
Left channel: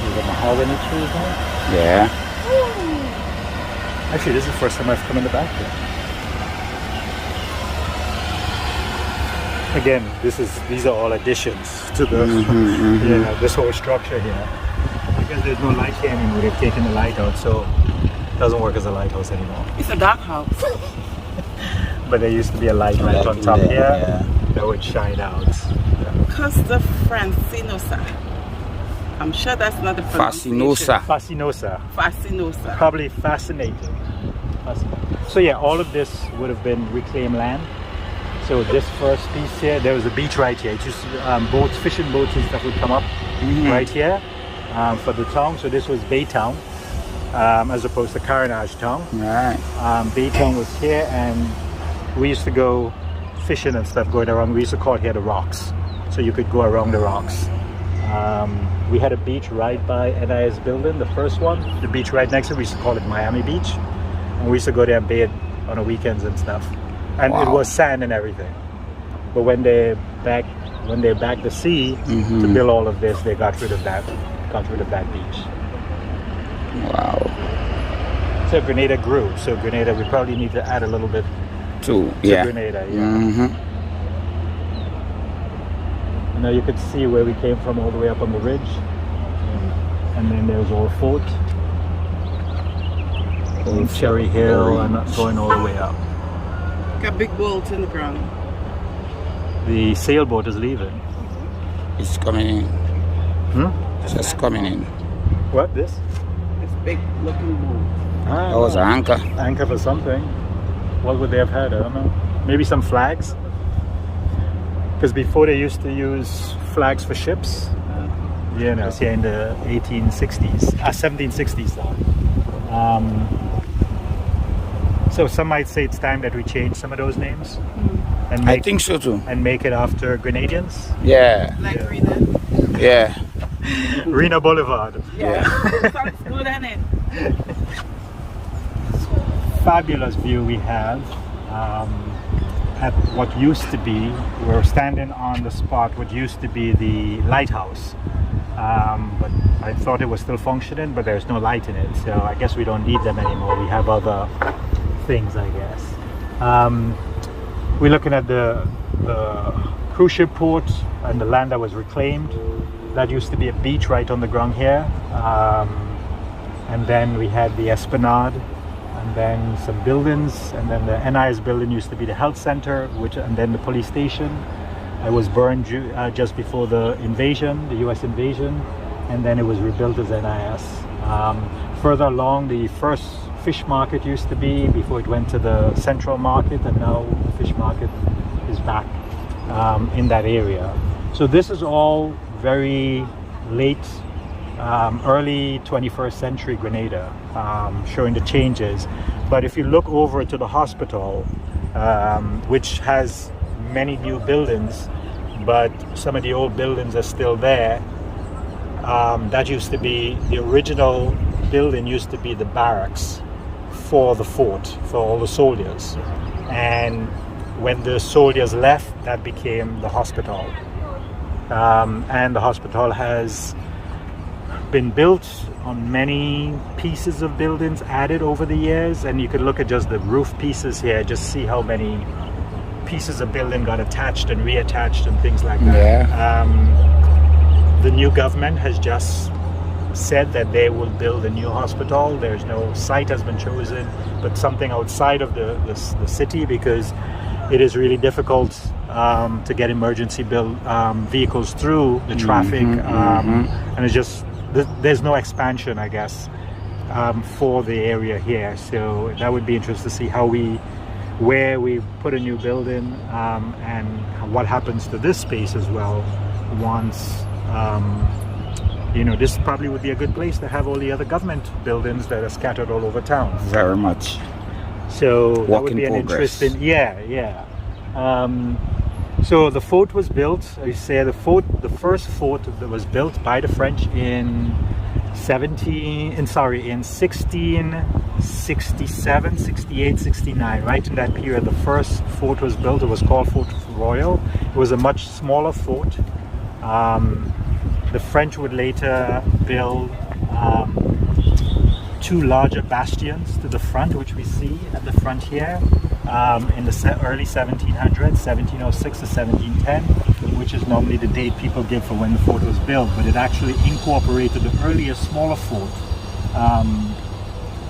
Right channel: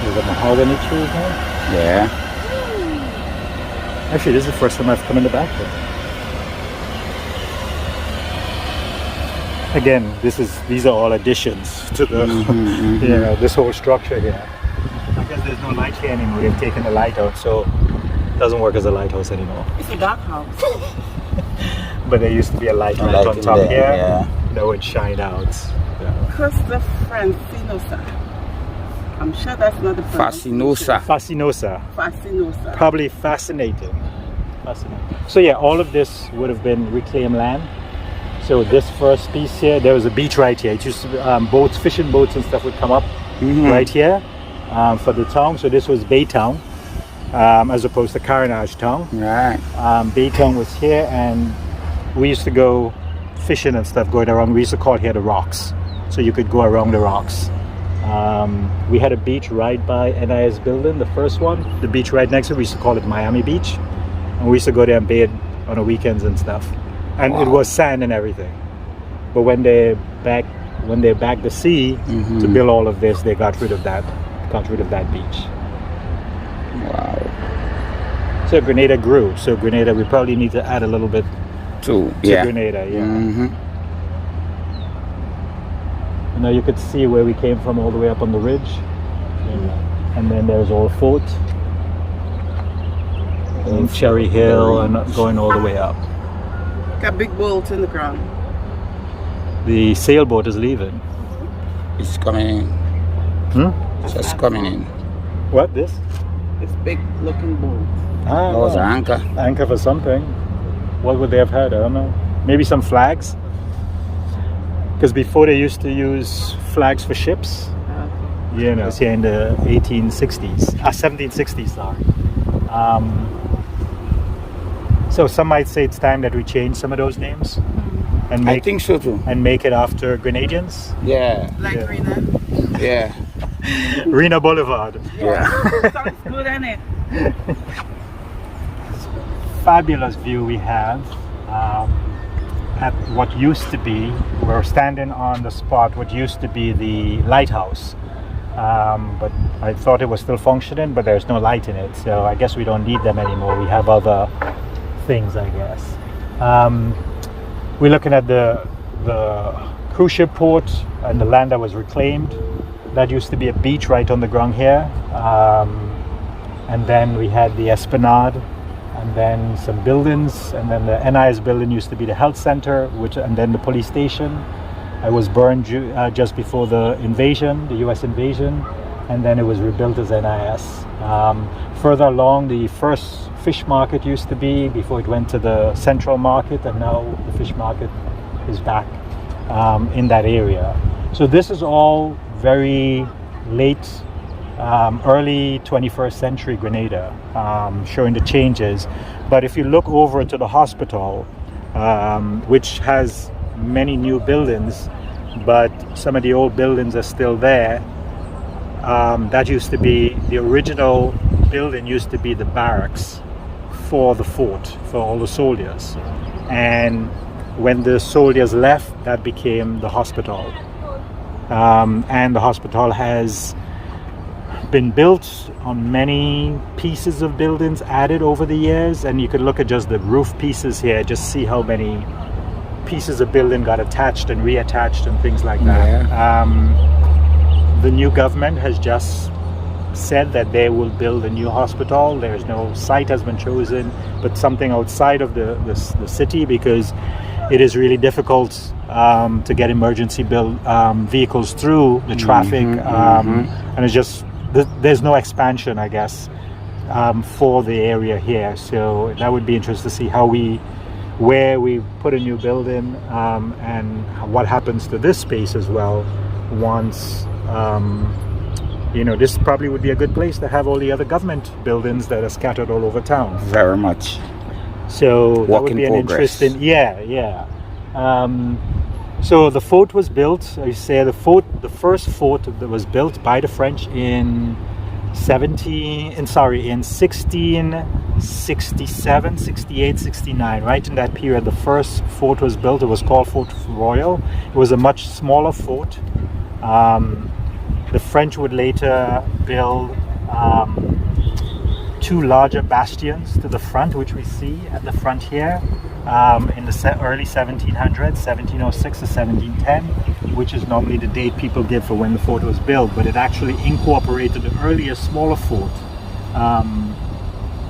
We haven't had any food here. Yeah. Actually, this is the first time I've come in the back. Again, these are all additions to the, you know, this whole structure here. Because there's no light here anymore, they've taken the light out, so it doesn't work as a lighthouse anymore. It's a dark house. But there used to be a light right on top here that would shine out. Costa Francinosa. I'm sure that's not the Fascinosa. Fascinosa. Probably fascinating. So yeah, all of this would have been reclaimed land. So this first piece here, there was a beach right here. It used to, boats, fishing boats and stuff would come up right here for the town. So this was Baytown as opposed to Carnage Town. Right. Baytown was here, and we used to go fishing and stuff going around. We used to call it here the rocks. So you could go around the rocks. We had a beach right by NIS building, the first one. The beach right next to it, we used to call it Miami Beach. And we used to go there and bathe on the weekends and stuff. And it was sand and everything. But when they backed the sea to build all of this, they got rid of that beach. Wow. So Grenada grew. So Grenada, we probably need to add a little bit to Grenada. Yeah. Now you could see where we came from all the way up on the ridge. And then there was Old Fort, Old Cherry Hill, and going all the way up. Got big bolts in the ground. The sailboat is leaving. It's coming in. Just coming in. What, this? It's big looking bolt. That was an anchor. Anchor for something. What would they have had? I don't know. Maybe some flags? Because before they used to use flags for ships. You know, it's here in the 1760s, sorry. So some might say it's time that we change some of those names. And I think so too. And make it after Grenadians. Yeah. Like Rena. Yeah. Rena Boulevard. Yeah. Sounds good, isn't it? Fabulous view we have at what used to be, we're standing on the spot, what used to be the lighthouse. But I thought it was still functioning, but there's no light in it. So I guess we don't need them anymore. We have other things, I guess. We're looking at the cruise ship port and the land that was reclaimed. That used to be a beach right on the ground here. And then we had the Esplanade, and then some buildings, and then the NIS building used to be the health center, and then the police station. It was burned just before the invasion, the US invasion, and then it was rebuilt as NIS. Further along, the first fish market used to be before it went to the central market, and now the fish market is back in that area. So this is all very late, early 21st century Grenada, showing the changes. But if you look over to the hospital, which has many new buildings, but some of the old buildings are still there. That used to be, the original building used to be the barracks for the fort, for all the soldiers. And when the soldiers left, that became the hospital. And the hospital has been built on many pieces of buildings added over the years. And you could look at just the roof pieces here, just see how many pieces of building got attached and reattached and things like that. Yeah. The new government has just said that they will build a new hospital. There's no site has been chosen, but something outside of the city, because it is really difficult to get emergency vehicles through the traffic. And it's just, there's no expansion, I guess, for the area here. So that would be interesting to see where we put a new building, and what happens to this space as well once, this probably would be a good place to have all the other government buildings that are scattered all over town. Very much. So Work that would in be progress. an interesting, so the fort was built, I say the first fort that was built by the French in 1667, 68, 69, right in that period. The first fort was built. It was called Fort Royal. It was a much smaller fort. The French would later build two larger bastions to the front, which we see at the front here, in the early 1700s, 1706 to 1710, which is normally the date people give for when the fort was built, but it actually incorporated the earlier smaller fort,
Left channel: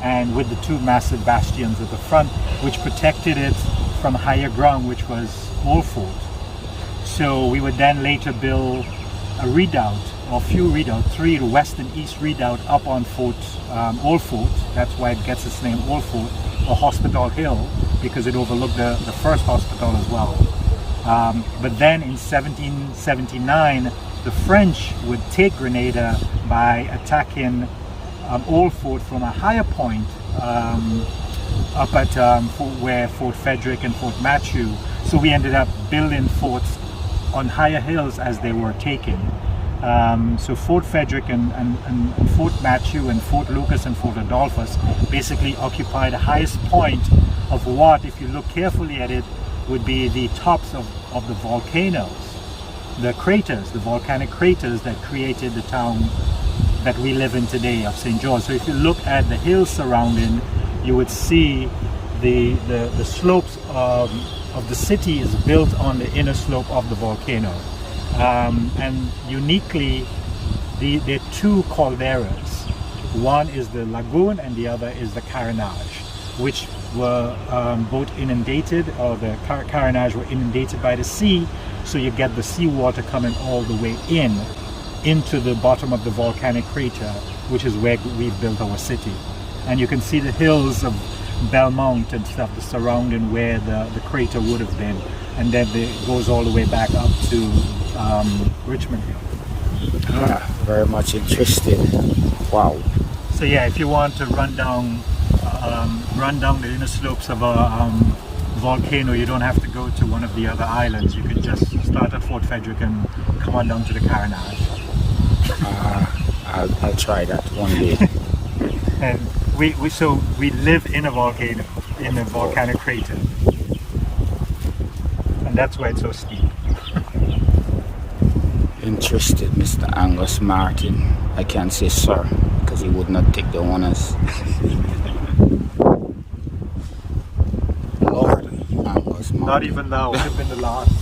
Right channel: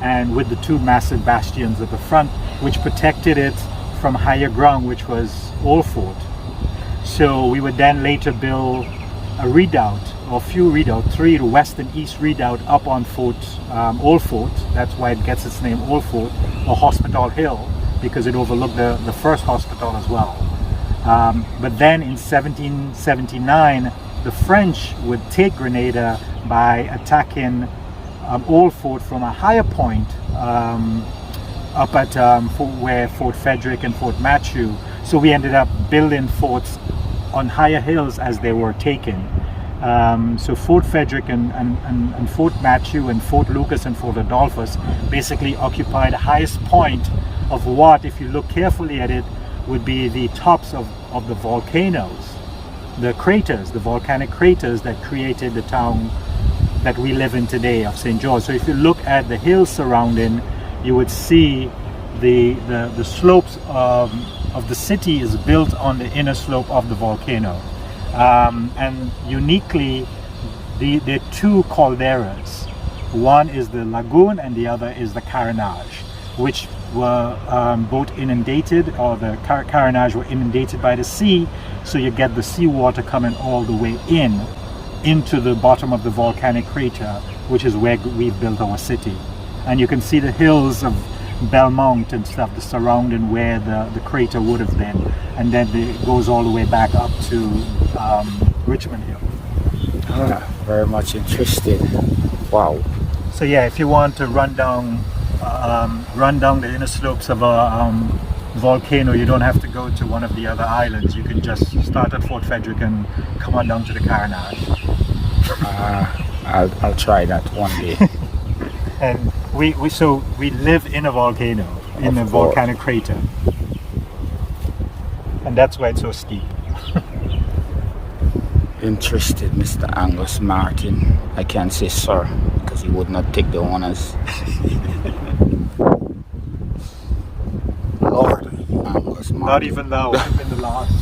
and with the two massive bastions at the front, which protected it from higher ground, which was Old Fort. So we would then later build a redoubt, or few redoubts, three, the west and east redoubt up on Old Fort. That's why it gets its name Old Fort, or Hospital Hill, because it overlooked the first hospital as well. But then in 1779, the French would take Grenada by attacking Old Fort from a higher point up at where Fort Frederick and Fort Matthew. So we ended up building forts on higher hills as they were taken. So Fort Frederick and Fort Matthew and Fort Lucas and Fort Adolphus basically occupy the highest point of what, if you look carefully at it, would be the tops of the volcanoes, the craters, the volcanic craters that created the town that we live in today of St. George. So if you look at the hills surrounding, you would see the slopes of the city is built on the inner slope of the volcano. And uniquely, there are two calderas. One is the lagoon and the other is the carenage, which were both inundated, or the carenage were inundated by the sea, so you get the seawater coming all the way into the bottom of the volcanic crater, which is where we've built our city. And you can see the hills of Belmont and stuff, the surrounding where the crater would have been, and then it goes all the way back up to Richmond. Very much interested. Wow. So yeah, if you want to run down the inner slopes of a volcano, you don't have to go to one of the other islands. You can just start at Fort Frederick and come on down to the carenage. I'll try that one day. And we live in a volcano, in a volcanic crater, and that's why it's so steep. Interested, Mr. Angus Martin. I can't say sir, because he would not take the honors. Lord Angus Martin. Not even though in the last.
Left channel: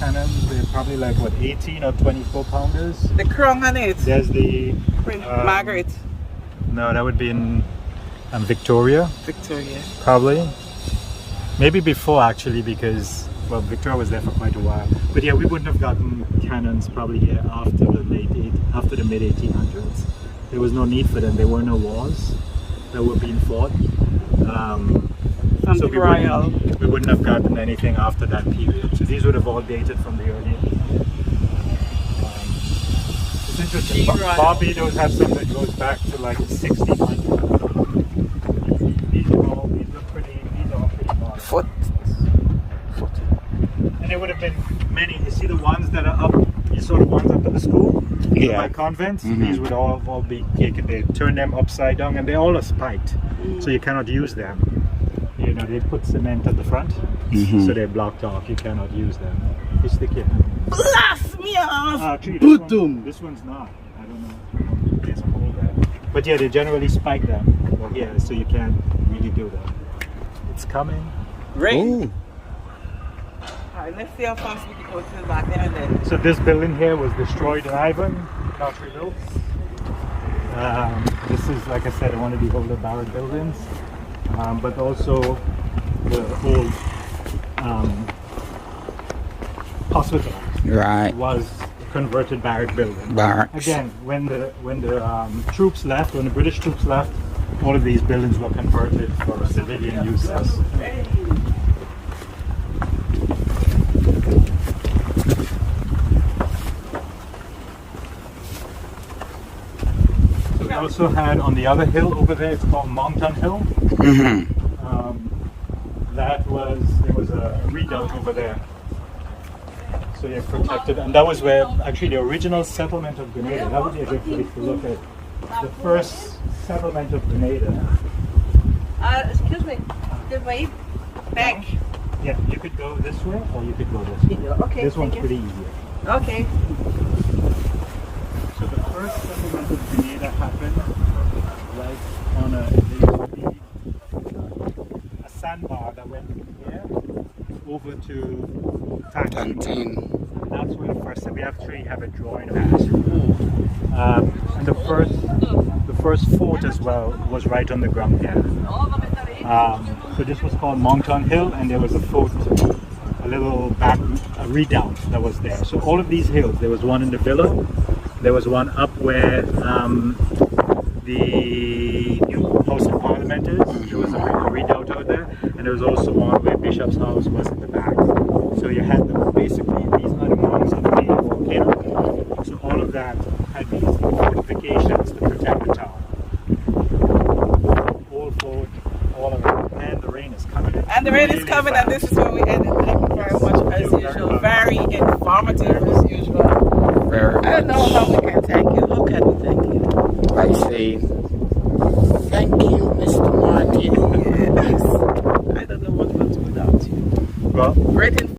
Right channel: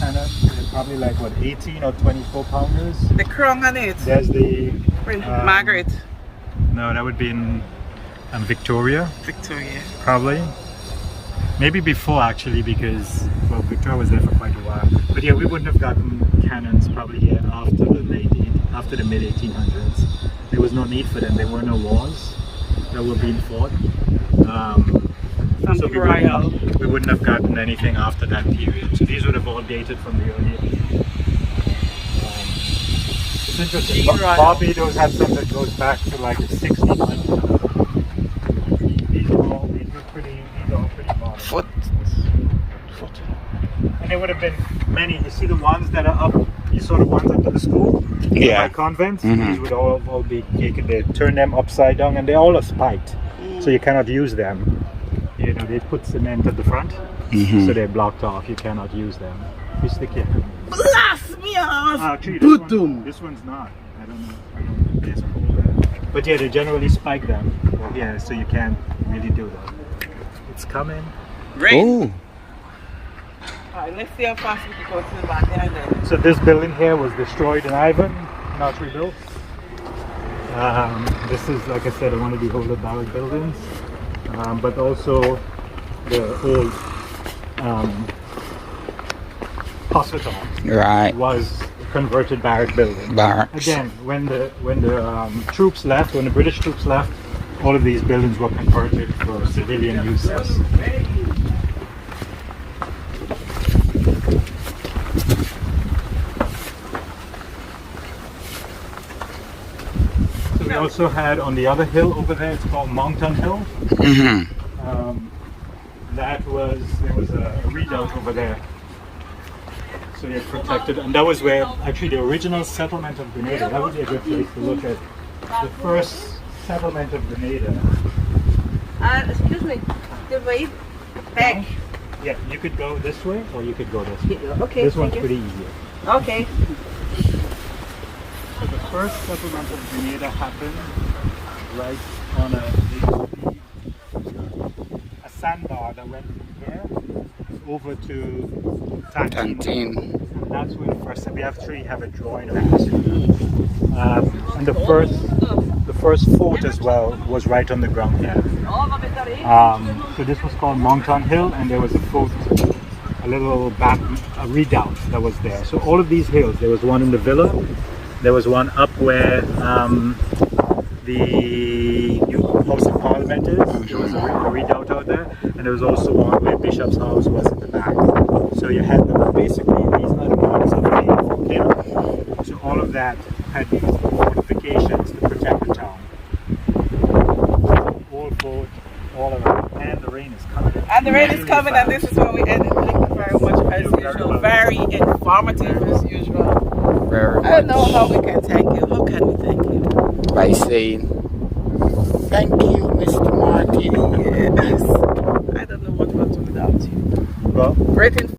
cannons. They're probably like what, 18 or 24 pounders. The crown on it. There's the Margaret. no, that would be in Victoria, Victoria. probably. Maybe before actually, because well, Victoria was there for quite a while. But yeah, we wouldn't have gotten cannons probably here after the mid 1800s. There was no need for them. There were no wars that were being fought. So we wouldn't have gotten anything after that period. So these would have all dated from the early. It's interesting. Barbados have some that goes back to like the 1600s. These are all pretty modern. Foot. And there would have been many. You see the ones that are up. You saw the ones up at the school. Yeah. By convents. These would all be taken. They turn them upside down, and they all are spiked, so you cannot use them. You know, they put cement at the front, so they're blocked off. You cannot use them. You stick it. Blast me off! Actually, this one's not. I don't know. There's a hole there. But yeah, they generally spike them. Well, yeah, so you can't really do that. It's coming. Rain. Alright, let's see how fast we can go through back there then. So this building here was destroyed in Ivan, not rebuilt. This is, like I said, one of the older barrack buildings. But also the old hospital was a converted barrack building. Barracks. Again, when the troops left, when the British troops left, all of these buildings were converted for civilian uses. So we also had on the other hill over there, it's called Monton Hill. There was a redoubt over there. So you're protected, and that was where actually the original settlement of Grenada. That would be a good place to look at the first settlement of Grenada. Excuse me, the way back. Yeah, you could go this way or you could go this way. Okay. This one's pretty easier. Okay. So the first settlement of Grenada happened right on a sandbar that went from here over to Tantine. That's when the first. We actually have a drawing of that. And the first fort as well was right on the ground there. So this was called Monton Hill, and there was a fort, a little a redoubt that was there. So all of these hills, there was one in the villa, there was one up where the new House of Parliament is. There was a redoubt out there, and there was also one where Bishop's house was in the back. So you had basically these unmarks of the hill. So all of that had these fortifications to protect the town. All fort, all around, and the rain is coming. And the rain is coming, and this is where we end it. Thank you very much as usual. Very informative as usual. Very much. I don't know how we can thank you. How can we thank you? By saying, thank you, Mr. Martin. Yes. I don't know what we'll do without you. Well, Great